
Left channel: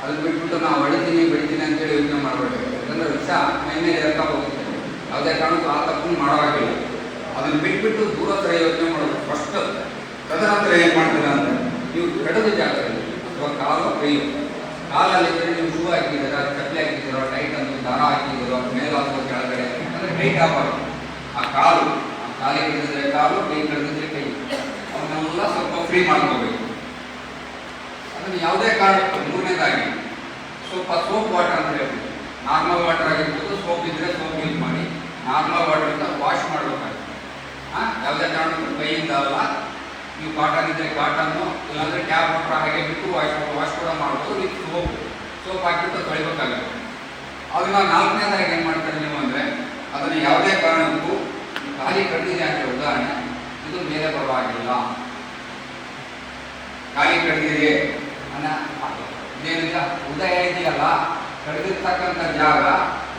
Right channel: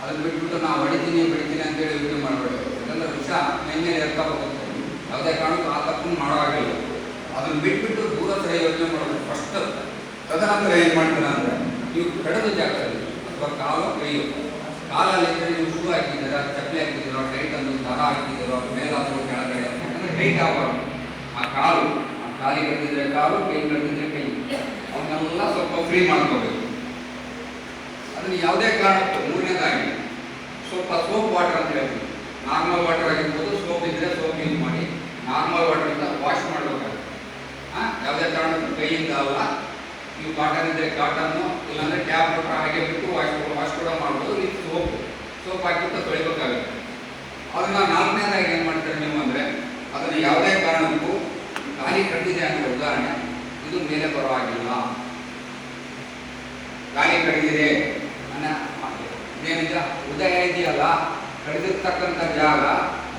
ಅದನ್ನು ಬಿಟ್ಬಿಟ್ಟು ನಾವು ಬಡಿತೀನಿ ಅಂತೇಳಿ ಯೋಚನೆ ಮಾಡಬೇಕು. ಯಾಕಂದರೆ ವಿಷ ಮೈ ಮೇಲೆ ಏರ್ತಾ ಹೋಗುತ್ತೆ. ಯಾವುದೇ ಕಾರಣಕ್ಕೂ ಆ ತಪ್ಪನ್ನು ಮಾಡೋ ಹಾಗಿಲ್ಲ. ಅದನ್ನು ಬಿಟ್ಬಿಟ್ಟು ದೂರ ಥರ ಯೋಚನೆ ಮಾಡಬೇಕು ಫಸ್ಟ್. ತದನಂತರ ಏನು ಮಾಡ್ತಾರೆ ಅಂದರೆ ನೀವು ಕಡದ ಜಾಗದಲ್ಲಿ ಅಥವಾ ಕಾಲು ಕೈಯೋ ಕಾಲಲ್ಲಿ ನೀವು ಶೂ ಹಾಕಿದ್ದೀರೋ ಚಪ್ಪಲಿ ಹಾಕಿದ್ದೀರೋ ಟೈಟ್ ಅಂದು ದಾರ ಹಾಕಿದ್ದೀರೋ ಮೇಲೆ ಅಥವಾ ಕೆಳಗಡೆ ಅಂದರೆ ಟೈಟ್ ಆಗಬಾರ್ದು. ಆ ಕಾಲಿಗೆ ಕಟ್ಟಿದ್ರೆ ಕಾಲು, ಕೈ ಕಟ್ಟಿದ್ರೆ ಕೈ, ಅವನ್ನೆಲ್ಲ ಸ್ವಲ್ಪ ಫ್ರೀ ಮಾಡ್ಕೋಬೇಕು. ಅದನ್ನು ಯಾವುದೇ ಕಾರಣಕ್ಕೂ ಮೂರನೇದಾಗಿ ಸ್ವಲ್ಪ ಸೋಪ್ ವಾಟರ್ ಅಂತ ಹೇಳ್ತೀವಿ. ನಾರ್ಮಲ್ ವಾಟರ್ ಆಗಿರ್ಬೋದು, ಸೋಪ್ ಇದ್ದರೆ ಸೋಪ್ ಯೂಸ್ ಮಾಡಿ ನಾರ್ಮಲ್ ವಾಟರ್ನ ವಾಶ್ ಮಾಡಬೇಕಾಗುತ್ತೆ. ಯಾವುದೇ ಕಾರಣಕ್ಕೂ ಕೈಯಿಂದ ಅಲ್ಲ. ನೀವು ಕಾಟನ್ ಇದ್ದರೆ ಕಾಟನ್ನು, ಇಲ್ಲಾಂದರೆ ಟ್ಯಾಪ್ ವಾಟರ್ ಹಾಗೆ ಬಿಟ್ಟು ವಾಶ್ ಕೂಡ ಮಾಡ್ಬೋದು. ವಿತ್ ಸೋಪ್ ಹಾಕಿಬಿಟ್ಟು ತೊಳಿಬೇಕಾಗುತ್ತೆ. ಅದನ್ನು ನಾಲ್ಕನೇದಾಗಿ ಏನು ಮಾಡ್ತಾರೆ ನೀವು ಅಂದರೆ ಅದನ್ನು ಯಾವುದೇ ಕಾರಣಕ್ಕೂ ಖಾಲಿ ಕಟ್ಟಿದೆ ಅಂದರೆ ಉದಾಹರಣೆ ಇದು ಮೇಲೆ ಬರುವಾಗಿಲ್ಲ. ಖಾಲಿ ಕಟ್ಟಿದೆ ಏನಿದೆ ಉದಯ ಇದೆಯಲ್ಲ, ಕಡಿದಿರ್ತಕ್ಕಂಥ ಜಾಗ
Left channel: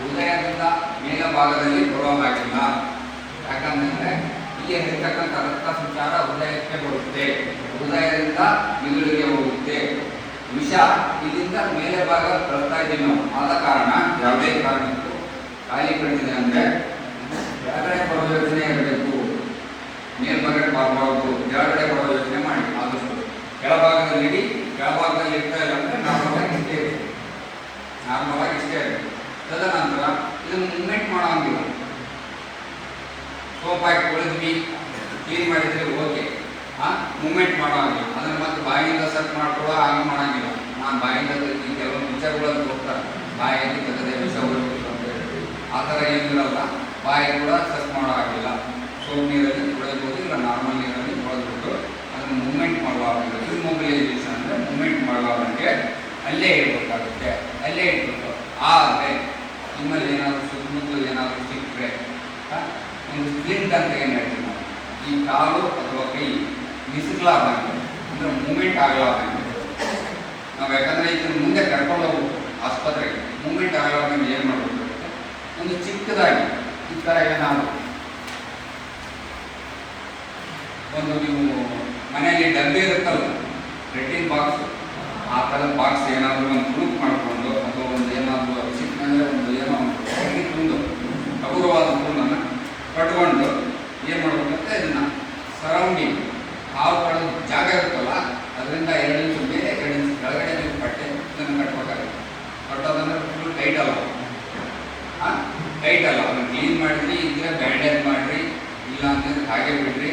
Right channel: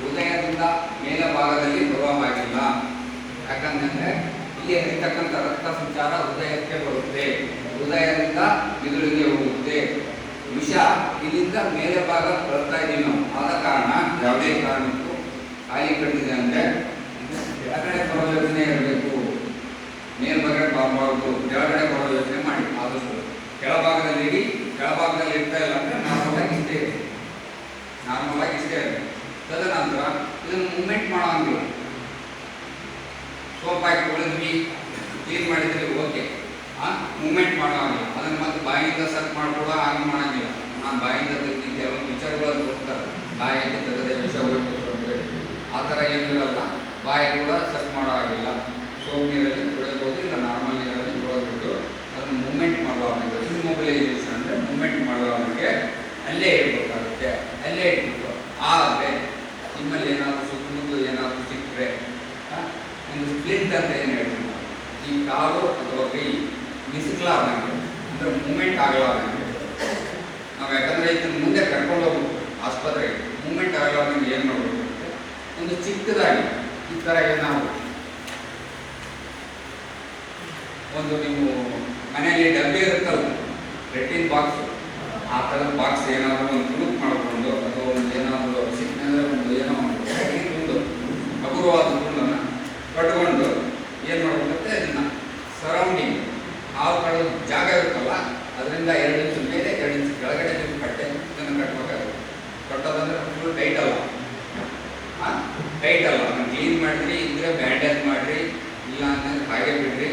ಉದಯದಿಂದ ಮೇಲೆ ಭಾಗದಲ್ಲಿ ಬರುವಾಗಿಲ್ಲ. ಯಾಕಂತಂದರೆ ಇಲ್ಲಿ ಹರಿತಕ್ಕಂಥ ರಕ್ತ ಸಂಚಾರ ಹೃದಯಕ್ಕೆ ಬರುತ್ತೆ, ಹೃದಯದಿಂದ ಮಿದುಳಿಗೆ ಹೋಗುತ್ತೆ. ವಿಷ ಇಲ್ಲಿಂದ ಮೇಲೆ ಭಾಗ ಬರ್ತಾ ಇದ್ದೀವಿ ನಾವು. ಆದ ಕಾರಣ ಯಾವುದೇ ಕಾರಣಕ್ಕೂ ಖಾಲಿ ಕಟ್ಟಿದೆ ಅಂದರೆ ಕೆಳಗಡೆ ಬರೋ ಯೋಚನೆ ಇರಬೇಕು, ಮೇಲ್ಭಾಗಡೆ ಬರಬಾರ್ದು. ಕೆಳಗಡೆ ಬರೋ ಯೋಚನೆ ಮಾಡಿ. ಆದಷ್ಟು ಕೆಳಭಾಗದಲ್ಲಿ ಕೆಳಭಾಗದಲ್ಲಿ ಇರ್ತಾ ಇಲ್ಲ ಅಂದರೆ ನಾರ್ಮಲ್ ಆಗಿ ಇಷ್ಟೇ ಇರುತ್ತೆ. ತದನಂತರ ಇದನ್ನು ಮೂವ್ಮೆಂಟ್ ಮಾಡೋಂಗಿಲ್ಲ. ಸೋಪ್ ಹಾಕಿ ತೊಳೆದ್ವಿ, ಕ್ಲೀನ್ ಮಾಡಿದ್ರೆ ಓಕೆ, ಮೂವ್ಮೆಂಟ್ ಮಾಡೋಂಗಿಲ್ಲ. ಅದನ್ನು ಮತ್ತೆ ಬಾಯಿಂದ ಸೆಟ್ ಮಾಡ್ಕೊಡೋ ಹಾಗೆ ಮಾಡೋಂಗಿಲ್ಲ. ನಾನು ಬಾಯಿಂದ ಕೆಲವೊಂದು ವಿಚಾರಗಳನ್ನು ಹೋಗ್ತಾರೆ, ಬಾಯಿಗೆ ತೆಗೆದೇ ವಿಷ ಹೋಗ್ಬೇಕು ಅಂತ ಹೇಳ್ತೀವಿ. ಆ ಥರ ಏನಿರಲ್ಲ, ಬಾಯಿ ಕೂಡ ಸೆಟ್ ಮಾಡೋ ಆಗಿಲ್ಲ. ಸೋಪ್ ನೀರಲ್ಲಿ ತೊಳೆದ್ಬೋದು, ಇಲ್ಲ ನಾರ್ಮಲ್ ನೀರಲ್ಲಿ ತೊಳೆದ್ಬಿಟ್ಟು ಅದನ್ನು ಮೂವ್ಮೆಂಟ್ ಮಾಡುವಾಗ ಇಮ್ಮೊಬಿಲೈಸೇಷನ್ ಅಂದರೆ ಮೂವ್ಮೆಂಟ್ ಮಾಡುವಾಗೆ ಅಲ್ಲೇ ಇಡಬೇಕಾಗುತ್ತೆ. ಅಲ್ಲೇ ಇಟ್ಬಿಟ್ಟು ಆದರೆ ನಿಮ್ಮಲ್ಲಿ ಏನಾದರೂ ಸುತ್ತಮುತ್ತ ಏನಾದರೂ ಸಿಕ್ಕರೆ ಒಂದು ಸ್ಪ್ಲಿಂಟ್ ಅಂತ ಏನು ಹೇಳ್ತೀವಿ ನಾವು, ಈ ಕಾಲು ಅಥವಾ ಕೈ ಬಿಸಿಲಾದಂಗೆ ಅಂದರೆ ಮೂವ್ಮೆಂಟ್ ಆಗಲಾರ್ದಂಗೆ ನಾವು, ಯಾಕಂದರೆ ಇದನ್ನು ಮುಂದೆ ಕರ್ಕೊಂಡು ಹೋಗ್ಬೇಕು ಆಸ್ಪತ್ರೆಗೆ. ಮೂವ್ಮೆಂಟ್ ಆಗಲಾರ್ದಂಗೆ ಏನು ಮಾಡಬೇಕು, ಒಂದು ಚಿಕ್ಕದಾಗಿ ಈ ಥರ ಏನಾದರೂ ಒಂದು ನೀವು ಮನೆಯಲ್ಲಿ ಡಬ್ಬಿ ಇರುತ್ತಲ್ಲ ರೆಟ್ಟಿಂಗ್ ಬಾಕ್ಸು, ಆ ಥರದ ಬಾಕ್ಸ್ ಏನಾದರೂ ಒಂದು ತುಣುಕು ಮಾಡಿಕೊಂಡು ಅಥವಾ ಒಂದು ಏನಾದರೂ ಸಿಕ್ಕಂದರೆ ಒಂದು ಏನೋ ಒಂದು ಹಗುರವಾದ ತುಣನ್ನು ಕಟ್ಕೊಂಡು ಏನು ಮಾಡಬೇಕಂತೆ ಇದನ್ನು ಸರೌಂಡಿಂಗ್ ಹಾವುಗಳ ಜಾಗ ಇರುತ್ತಲ್ಲ ಅದರಿಂದ 2 ಇಂಚು ಮೇಲೆ 2 ಇಂಚು ಕೆಳಗಡೆ ನೀವು ಇದನ್ನು ಕಟ್ಟಬೇಕಾಗುತ್ತೆ. ಕಟ್ಟೋದಂದ್ರೆ ಫುಲ್ ಟೈಟ್ ಅಲ್ಲ, ಅದನ್ನು ಕ್ಲೀನ್ ಮಾಡಿರಿ, ಇದ್ದರೆ ಬ್ಯಾಂಡೇಜ್ ಮಾಡಿರಿ, ಇಲ್ಲ ಅಂತಂದ್ರೆ ಹಾಗೆ ಬಿಡ್ರಿ.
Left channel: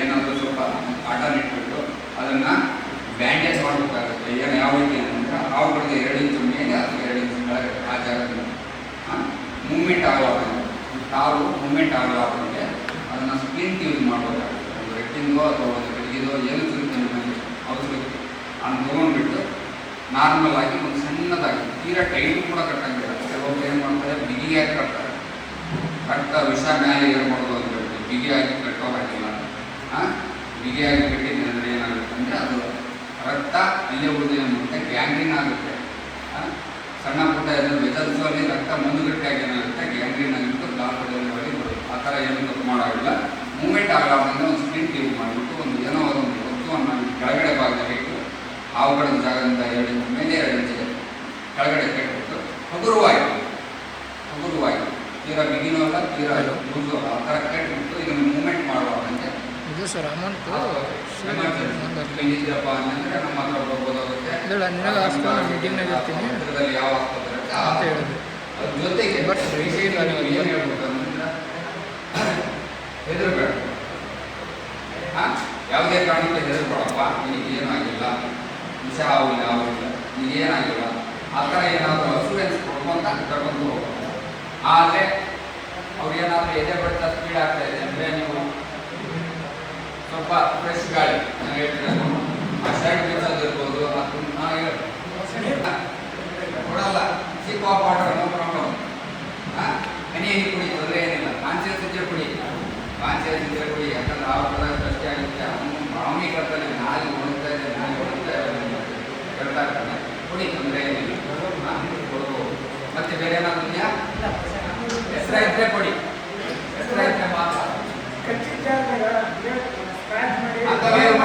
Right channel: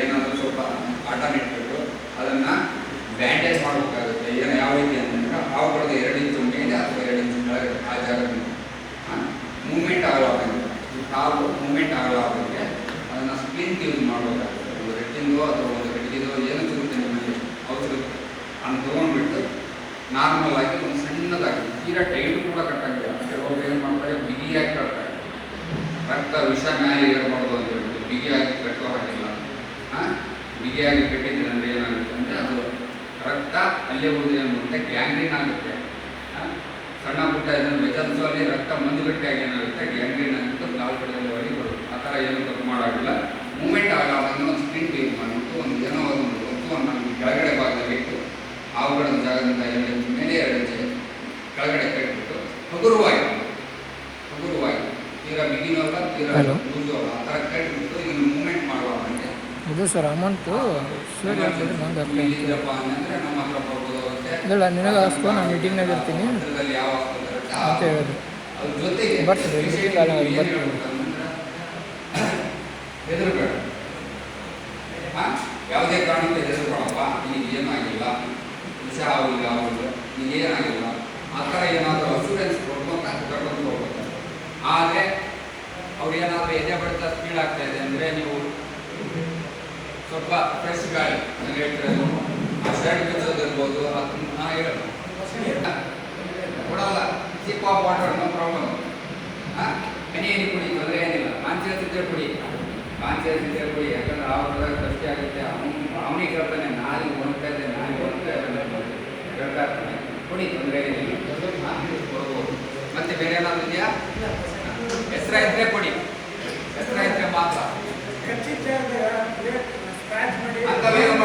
ಏನಾದರೂ ಸ್ವಲ್ಪ ಕಾಟನ್ ಇಟ್ಬಿಟ್ಟು ಅದನ್ನು ಬ್ಯಾಂಡೇಜ್ ಮಾಡಬೇಕಾಗುತ್ತೆ. ಏನು ಯಾವ ರೀತಿ ಅಂತಂದ್ರೆ ಹಾವುಗಳದ್ದು 2 ಇಂಚು ಮೇಲೆ ಅಥವಾ 2 ಇಂಚು ಕೆಳಗೆ ಆ ಜಾಗದಿಂದ ಮೂವ್ಮೆಂಟ್ ಆಗುವಾಗ ಕಾಲು ಮೂವ್ಮೆಂಟ್ ಆಗುವಾಗಂಗೆ ಅದನ್ನು ಸ್ಪ್ಲಿಂಟ್ ಯೂಸ್ ಮಾಡಬೇಕಾಗುತ್ತೆ. ಒಂದು ರೆಟ್ಟಿಂಗೋ ಅಥವಾ ಒಂದು ಕಟ್ಟಿಗೆದೋ ಏನು ಸಿಗುತ್ತೆ ನಮಗೆ ಅವಸರ ಅದನ್ನು ತೊಗೊಂಡ್ಬಿಟ್ಟು ನಾರ್ಮಲ್ ಆಗಿ ಒಂದು ಸಣ್ಣದಾಗಿ ತೀರಾ ಟೈಟ್ ಕೂಡ ಕಟ್ಟಂಗಿಲ್ಲ. ಕೆಲವೊಬ್ಬರು ಏನು ಮಾಡ್ತಾರೆ ಬಿಗಿಯಾಗಿ ಕಟ್ತಾರೆ. ರಕ್ತ ವಿಷ ಮ್ಯಾಲೆ ಏನು ಮಾಡೋದು ಅಂತ ಹೇಳ್ತಾರೆ, ಬಿಗಿಯಾಗಿ ಕಟ್ಟೋ ಹಾಗಿಲ್ಲ. ಬಿಗಿಯಾಗಿ ಕಟ್ಟಿದ್ರೆ ಅಂದರೆ ಏನಾಗುತ್ತೆ ಅಂದರೆ ಅದು ರಕ್ತ ಅಲ್ಲೇ ಉಳಿದು ಏನು ಮಾಡುತ್ತೆ, ಗ್ಯಾಂಗ್ರೀನ್ ಆಗುತ್ತೆ. ಸಣ್ಣ ಪುಟ್ಟ ವೆಜಲ್ಸಲ್ಲಿ ರಕ್ತ ಮಂದುಗಟ್ಟಿಯಾಗಿ ಏನಾಗುತ್ತೆ, ಗ್ಯಾಂಗ್ರೀನ್ ಆಗಿಬಿಟ್ಟು ಕಾಲು ಕಡೆಯಲ್ಲಿ ಬರುತ್ತೆ. ಆ ಥರ ಏನು ತಪ್ಪು ಮಾಡೋದಿಲ್ಲ. ಮೂವ್ಮೆಂಟ್ ಆಗಲಾರ್ದಂಗೆ ಒಂದು ಸ್ಪ್ರಿಂಟ್ ಯೂಸ್ ಮಾಡಿಬಿಟ್ಟು ಒಂದು ಏನೋ ಒಂದು ವಸ್ತುವನ್ನು ಕೆಳಗಡೆ ಭಾಗದಲ್ಲಿ ಇಟ್ಟು ಹಾವುಗಳ ಜಾಗದಿಂದ 2 ಇಂಚು ಮೇಲೆ 2 ಇಂಚಿಗೆ ಕೆಳಗಡೆ ಕಟ್ಟಿಬಿಟ್ಟು ಹಗುರವಾಗಿ ತೀರಾ ಬಿಗಿನೋ ಅಲ್ಲ ತೀರಾ ಲೂಸು ಆ ಥರ ಕಟ್ಟಿಬಿಟ್ಟು ಇದನ್ನು ಮೂವ್ಮೆಂಟ್ ಮಾಡುವಾಗಂತೆ ಇದು ಸರ್ ಅಮೌಂಟು ಇಲ್ಲಿದ್ದಪ್ಪ ಅಂತಂದರೆ ನಮ್ಮ ಹತ್ರ ಬರ್ಬೋದಾಗುತ್ತೆ. ಇಲ್ಲ ನಿನಗೆ ಅಷ್ಟು ನಾನು ಮೀಟಿಂಗ್ನಾಗ ಇರ್ತೀನಿ ಹತ್ತಿರದಲ್ಲಿ ಯಾವ ಆಸ್ಪತ್ರೆ ಅಂತ ಹೇಳೋದು. ಅದ್ರ ಜೊತೆಗೆ ಹೆದರಬೇಡ, ಯಾವುದೇ ಕಾರಣಕ್ಕೂ ಹೆದರ್ಬೇಡಪ್ಪ, ನಿನಗೇನು ಆಗಿಲ್ಲ, ವಿಷ ಆಗಿಲ್ಲ, ನಿನಗೇನಾಗಿಲ್ಲ, ಆ ಥರ ಏನಾದರೂ ಅಸೂರೆನ್ಸ್ ಕೊಡ್ಕೊಂತ ಕರ್ಕೊಂಡು ಹೋಗ್ಬೇಕು. ಆದರೆ ಅವ್ರು ಏನಾದರೂ ಎದೆ ಬಡಿತ ಸ್ಪೀಡ್ ಆಗ್ತಾ ಇದೆ ಅಂದರೆ ನೀವು ಸ್ವಲ್ಪ ಫ್ರೆಶ್ ಗಾಳಿ ನಾನು ಹೇಳ್ತಿರೋದು ಆ ಶರ್ಟ್ ಬಿಡಿಸೋದಿರ್ಬೋದು, ಅದನ್ನ ಹೇಳೋದು ಕೊಡಲ್ಲ. ಸಿಕ್ ಆಫ್ ವಾಟರ್ ನೋ ಪ್ರಾಬ್ಲಮ್. ಹನಿ ಕುಡಿ, ತೊಂದರೆ ಏನಿಲ್ಲ. ಕಾನ್ಸಿಯಸ್ ಇದ್ದರೆ ಕುಡಿ, ಯಾಕಂದ್ರೆ ಆ ಥರ ಕಷ್ಟ ಆಗುತ್ತೆ. ಅವನಿಗೆ ಕೇಳ್ತಾನೆ, ನಾಲಿಗೆ ಒಣಗ್ತಾ ಇದೆ, ಹೇಳ್ತಾ ಇರ್ತಾನೆ, ಕುಡಿ, ತೊಂದರೆ ಏನಿಲ್ಲ, ಕೊಡ್ಬೋದು. ಮತ್ತೆ ಬೇರೆ ಏನಾದ್ರು ಇದೆಯಾ? ಹೆಸರ ಇದ್ದರೆ ಕೊಡಿ, ಹೆಸರ ಇದ್ದರೆ ಮಾತ್ರ. ಅಂಥದ್ದು ಏನು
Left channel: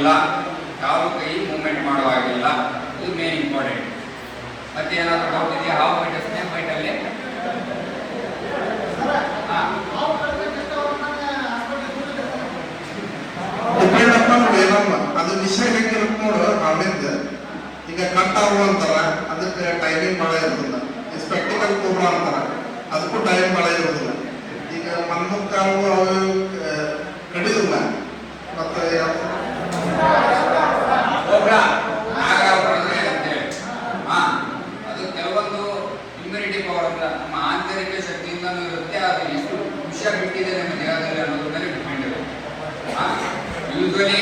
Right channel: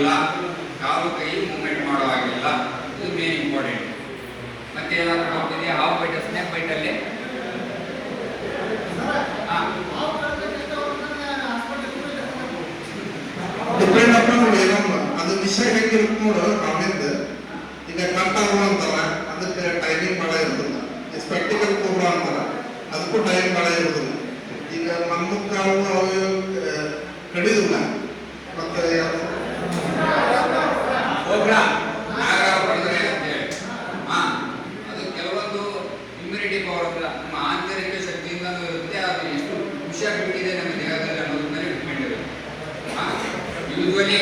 ಆಗಿಲ್ಲ, ಕಾಲು ಕೈ ಮೂವ್ಮೆಂಟ್ ಮಾಡೋ ಆಗಿಲ್ಲ. ಇದು ಮೇನ್ ಇಂಪಾರ್ಟೆಂಟ್. ಮತ್ತೆ ಏನಾದರೂ ಡೌಟ್ ಇದೆಯಾ? ಹಾಫ್ ಬೈಟ್ ಸ್ನೇಕ್ ಬೈಟಲ್ಲಿ ಡಿಪೆಂಡ್ ಅಪಾನ್ ಏನಮ್ಮ ಅದು ವಿಷಯ ಹೆಂಗಿರುತ್ತೆ ನೋಡು. ಆಮೇಲೆ ಈಗ ಕಟ್ಟಾವು ಅಂತಾರ, ಅದಕ್ಕೆ ಟೈಮಿಂಗ್ ಭಾಳ ಇರೋದಿಲ್ಲ. ಈ ಸ್ಪೆಕ್ಟಿಕಲ್ ಕೋಬ್ರಾ ಅಂತಾರ, ಅದಕ್ಕೂ ಟೈಮ್ ಭಾಳ ಇರೋದಿಲ್ಲ. ಈಗ ಮನ್ಮುಕ್ಕಾವು ಅವು ಕಡಿದಿಲ್ಲ. ಮತ್ತೆ ಅದು ಕೆಲವೊಂದು ಇಮ್ಯುನಿಟಿ ಪವರ್ ಅಂತ ನಮ್ಮ ಆಂತರಿಕ ಶಕ್ತಿಯಿಂದನೂ ಇರುತ್ತೆ. ಅದು ಎಷ್ಟು ವಿಷಯ ಬಿಟ್ಟಿದೆ ನಮ್ಮ ದೇಹದಲ್ಲಿ ಅನ್ನೋದ್ರ ಮೇಲೆ ಡಿಪೆಂಡ್ ಇರುತ್ತೆ. ಯೂಶ್ವಲಿ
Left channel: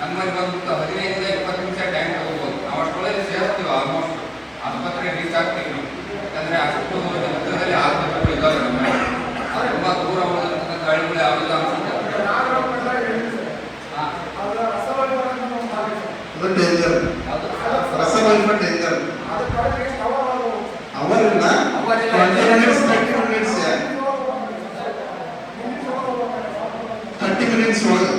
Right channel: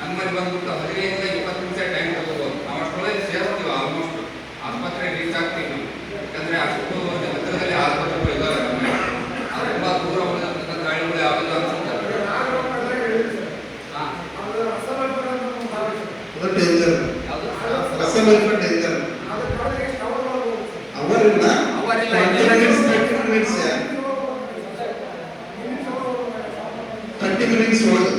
ನಮ್ಮಲ್ಲಿ ಬಂದ್ಬಿಟ್ಟು 15 ರಿಂದ 20 ನಿಮಿಷ ಟೈಮ್ ತಗೋಬೋದು. ನಾವು ಅಷ್ಟೊಳಗೆ ಸೇರ್ತೀವಿ, ಆಲ್ಮೋಸ್ಟ್ ಆಸ್ಪತ್ರೆ ರೀಚ್ ಆಗ್ತೀವಿ ನಾವು. ಯಾಕಂದರೆ ಅಷ್ಟು ಹತ್ತಿರದಲ್ಲಿ ಆಸ್ಪತ್ರೆಗಳು ಇದ್ದಾವೆ ನಮ್ಮಲ್ಲಿ. ಅದು ತುಂಬ ದೂರ ಹೋದಂಥ ಹಳ್ಳಿಗಳು ಯಾವುದಿಲ್ಲ ಅನ್ಸುತ್ತೆ. ಡೇಂಜರ್ ರಸಗೊಬ್ಬರ ಡೇಂಜರ್ ಅವರಿಂದ 30 ಮಿನಿಟ್ಸ್ ಒಳಗೆ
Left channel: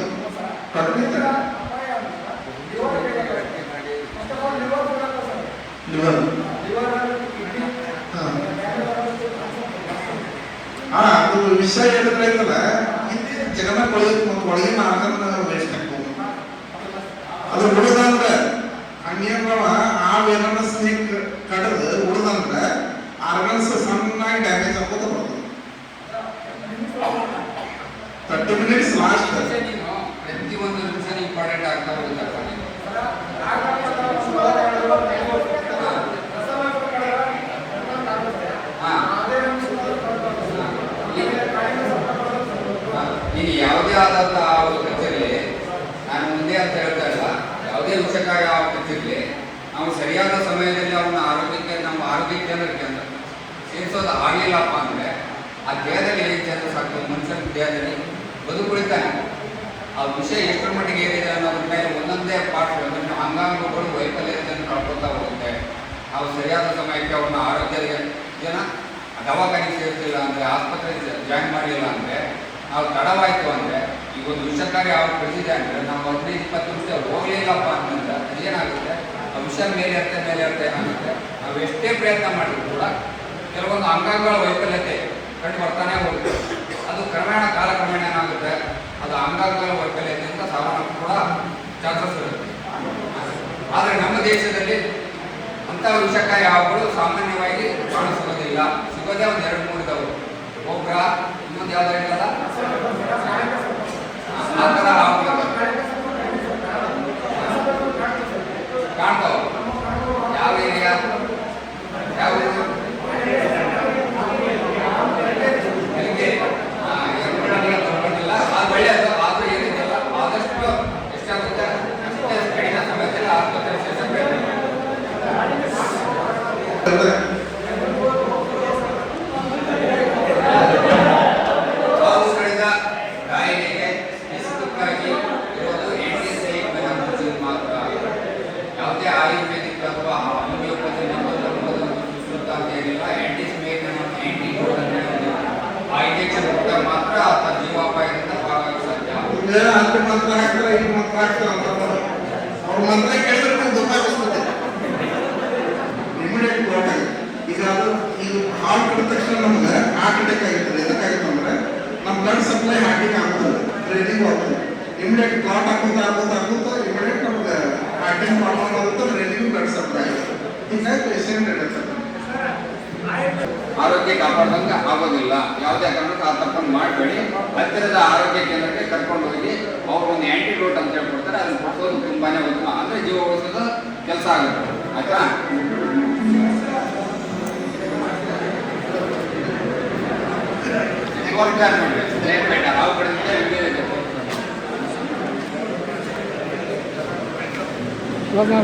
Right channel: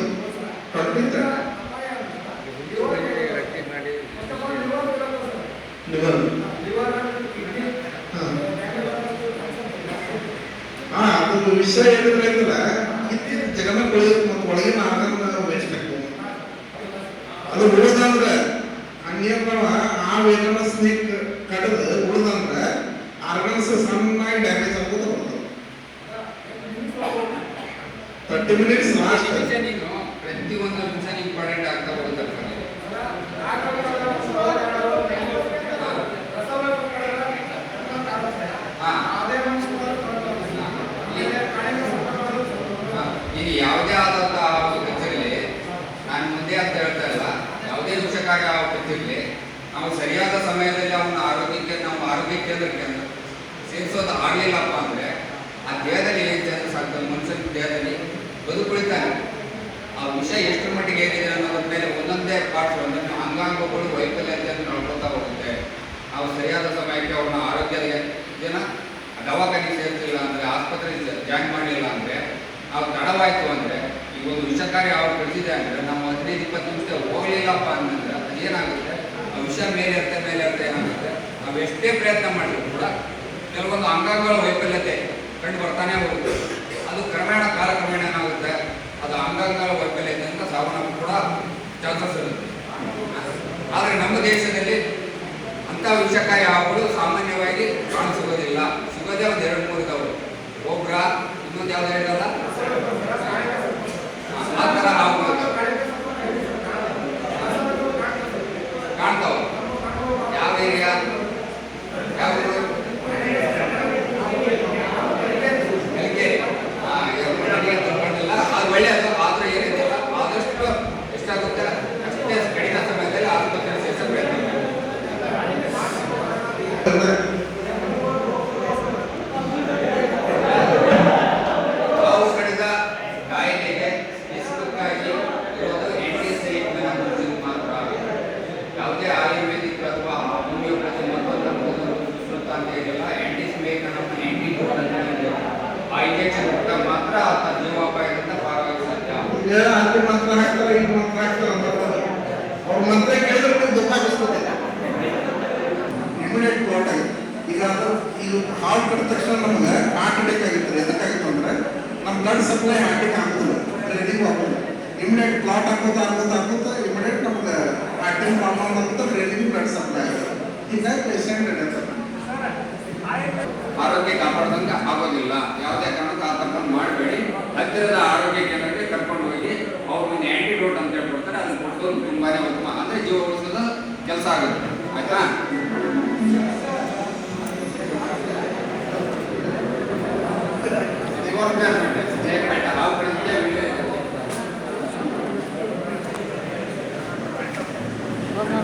ಅದು ವಿಷಯ ಏನಂದ್ರೆ ಜಗನ್ನ ಒಳಗಿನ ಆಹಾರ ವೇಸ್ಟ್ ಆಗ್ಬೋದು. ಅದು ಉಳಿದಂದ್ರೆ ಹಂಗೇನವ ಏನಾರ ಸ್ನೇಕ್ ಕಡದು ಉಳಿದಂದ್ರೆ ಆರ್ಗನ್ಸ್ ಸಣ್ಣಾಗಿ ಡ್ಯಾಮೇಜ್ ಆಗೋದು ಬರ್ತದೆ. 30 ಮಿನಿಟ್ಸ್ ಲಾಸ್ಟ್. ಪ್ರತಿಯೊಂದು ನಿಮಿಷ ಇಂಪಾರ್ಟೆಂಟ್ ಆಗ್ತಾ ಹೋಗುತ್ತೆ. ಈಗ ಯಾವುದೇ ಆದಂಥ ಕಚೇರಿಯಲ್ಲಿ ನಾನು ಮುಂದೆ ಅಂತ ಹೇಳ್ತಾ ಇಲ್ಲ, ಯಾವುದೇ ವಿಷಯಕಾರಿ ಕಚೇರಿಯಲ್ಲಿ ನಾವು ಸರಿಯಾದ ಸಮಯದಲ್ಲಿ ಅವನ ಆರೋಗ್ಯ ಕೇಂದ್ರಕ್ಕೆ ಸೇರಿಸೋದು ಆಗಲಿಲ್ಲಪ್ಪ ಅಂದರೆ ಆ ದೇಹದಲ್ಲಿ ಏನು ಚೇಂಜಸ್ ಆಗ್ತದೆ, ಮನುಷ್ಯನ ದೇಹದಲ್ಲಿ ಬದುಕುಳಿತಾನೆ. ಆ ವಿಷಯ ಎಷ್ಟರ ಮಟ್ಟಿಗೆ ಏನಿದೆ ಅನ್ನೋದ್ರ ಮೇಲೆ ಒಂದೊಂದೇ ಪಾರ್ಟ್ ಒಂದೊಂದು ಅಂಗಾಂಗಗಳು ವೈಫಲ್ಯತೆಯನ್ನು ಕಳ್ಕೊತಾ ಹೋಗುತ್ತೆ. ನಾವು ಸರಿಯಾದ ಸಮಯಕ್ಕೆ ಅವ್ರನ್ನ ಆರೋಗ್ಯದ ಜನ ದವಾಖಾನೆ ಸೇರಿಸಲಿಲ್ಲ ಅಂದರೆ, ಆಸ್ಪತ್ರೆ ಜಾಯಿನ್ ಮಾಡಲಿಲ್ಲ ಅಂದರೆ, ನಾವು ತಡವಾಯಿತು ಅಂದರೆ, ಈಗ ಒಂದು ವಿಷಕಾರಿ ಅವ್ರು ಕಳಿಸಿದೆ ಅಂದರೆ ನಾವು 15-20 ನಿಮಿಷ ಹೋಗಲಿಲ್ಲಪ್ಪ ಅಂತಂದ್ರೆ ಅದೇನಾಗುತ್ತೆ, ಆ ವಿಷ ಮೇಲೆ ಇರುತ್ತೆ ಏನಾಗುತ್ತೆ, ನಾವು ಎಷ್ಟೇ ಪ್ರಯತ್ನ ಮಾಡಿದ್ರು ಕೂಡ ಕೆಲವೊಂದು ಅಂಗಾಂಗಗಳ ವೈಫಲ್ಯತೆ ಕಂಡು ಬರ್ತಾನೆ ಹೋಗುತ್ತೆ. ಅದು ಕಾಲಕ್ರಮೇಣ ಏನಾಗುತ್ತೆ, ಅದು ಅಂಗಾಂಗಗಳ ವೈಫಲ್ಯತೆಯಿಂದ ಸಾವನ್ನಪ್ಪು ಕೂಡ ಚಾನ್ಸಸ್ ಇರುತ್ತೆ. ಆದರೆ ನಮ್ಮ ದೇಶದಲ್ಲಿ ಅಂಥ ವಿಷಕಾರಿ ಹಾವುಗಳು ಸಾಮಾನ್ಯವಾಗಿ ಕಾಣಿಸಿಗೋದಿಲ್ಲ. ಸಿಗೋದೇ ಒಂದು 2-3 ಇದಾವೆ. ಒಬ್ರ ಇನ್ನೊಂದು ಯಾವ್ದು ಇರಲ್ಲ, ಆ ಥರ ಹಾವುಗಳು ಕಾಣ್ತಾವ. ಯಾವ ಏರಿಯಾ ಯಾವುದು ಅದು ಒಳ್ಳೆಯದು. ಆದರೂ ಏನಿದೆಯಲ್ಲ ಆದಷ್ಟು ಎಷ್ಟಾಗುತ್ತೆ ಅಷ್ಟೇ ಕಡಿಮೆ ಸಮಯದಲ್ಲಿ ಆಸ್ಪತ್ರೆ ಸೇರಿಸ ಪ್ರಯತ್ನ ಮಾಡಿ. ಹಾವು ಕಡಿದ ಕಾಯಿಲೆಗೆ ಸ್ಪೆಸಿಫಿಕ್ಕಾಗಿ ಇರೋದು ಆಂಟಿಸೈಡ್ ಮಾತ್ರ. ಯಾವುದೇ ಆಯುರ್ವೇದಿಕ್ ಅಥವಾ ಹೋಮಿಯೋಪತಿ ಮತ್ತೊಂದು ಅಂತ ಏನಿಲ್ಲ. ಆಂಟಿಸೈಡ್ ಆಂಟಿಡೋಟ್ ಅಂತ ಹೇಳಿದೆ. ಆ ಇಂಜೆಕ್ಷನ್ ಕೊಟ್ಟಾಗ ಮಾತ್ರ ಆ ಜೀವಾಪಾಯದಿಂದ ಪಾರಾಗಲು ಸಾಧ್ಯ. ಅಲ್ಲಿ ಮಾತ್ರ ಹಾಕ್ತಾರೆ, ಇಲ್ಲಿ ಮಾತ್ರ ಹಾಕ್ತಾರೆ ಅಂತ ಅವ್ರ ಮಂತ್ರ ಕೇಳಿದ್ರೆ ನೀವು ದುಃಖಿಸ್ಬೋದು. ಇಮಿಡಿಯೇಟ್ ಕ್ಲಾಟ್ ಆಗುತ್ತೆ. ಈಗ ಹಾಲು ಕಟ್ಟಿದ ತಕ್ಷಣ ನಮಗೆ ಹಾರ್ಟ್ ಅಟ್ಯಾಕ್ ಆಗಿತ್ತು. ಎದಕ್ಕಾಗಿತ್ತು ಅಂದರೆ ನಮ್ಮ ಬ್ಲಡ್ ಸಪ್ಲೈ ಹಾರ್ಟಿಗೆ ಆಗೋದಿಲ್ಲ, ಬ್ರೈನಿಗೆ ಆಗೋದಿಲ್ಲ. ಇಮಿಡಿಯೇಟ್ ಕ್ಲಾಟ್ ಹಾಕೋತಾ ಇಮಿಡಿಯೇಟ್ ನಮ್ಗೆ ಹಾರ್ಟಿನ ಪ್ರಾಬ್ಲಮ್ ಆಗುತ್ತೆ, ಬ್ರೈನಿಗೆ ಬ್ಲಡ್ ಸಪ್ಲೈ ಆಗುತ್ತೆ. ಹೀಗಾಗಿ ಪೇಷಂಟ್ ಇರುತ್ತೆ. ಆರೋಗ್ಯ ಕಾಪಾಡ್ದಂಗೆ ಆಗೋದಿಲ್ಲ. ಯಾವುದೇ ಕಾರಣಕ್ಕೂ ಆ ತಪ್ಪನ್ನು ಮಾಡಬೇಡಿ. ಹತ್ತಿರದ ಆರೋಗ್ಯ ಕೇಂದ್ರಕ್ಕೆ ಕರ್ಕೊಂಡು ಹೋಗಿ ಅವ್ರು ಒಂದು ಆ್ಯಂಟಿಡೋಟ್ ಅಂತ ಹೇಳ್ಕೊಡ್ತಾರೆ, ಅದನ್ನು ಕೊಡ್ಸೋದು ತುಂಬಾ ಉತ್ತಮ. ಅಂದರೆ ಜೀವ ಉಳಿಸೋದು ಕೆಲಸ ಆಗುತ್ತೆ. ಆಯ್ತಾ? ಹಾವು ಕಡಿದಕ್ಕೆ ವಿಡಿಯೋ ಇದೆ. ಹೋಗ್ಲಿ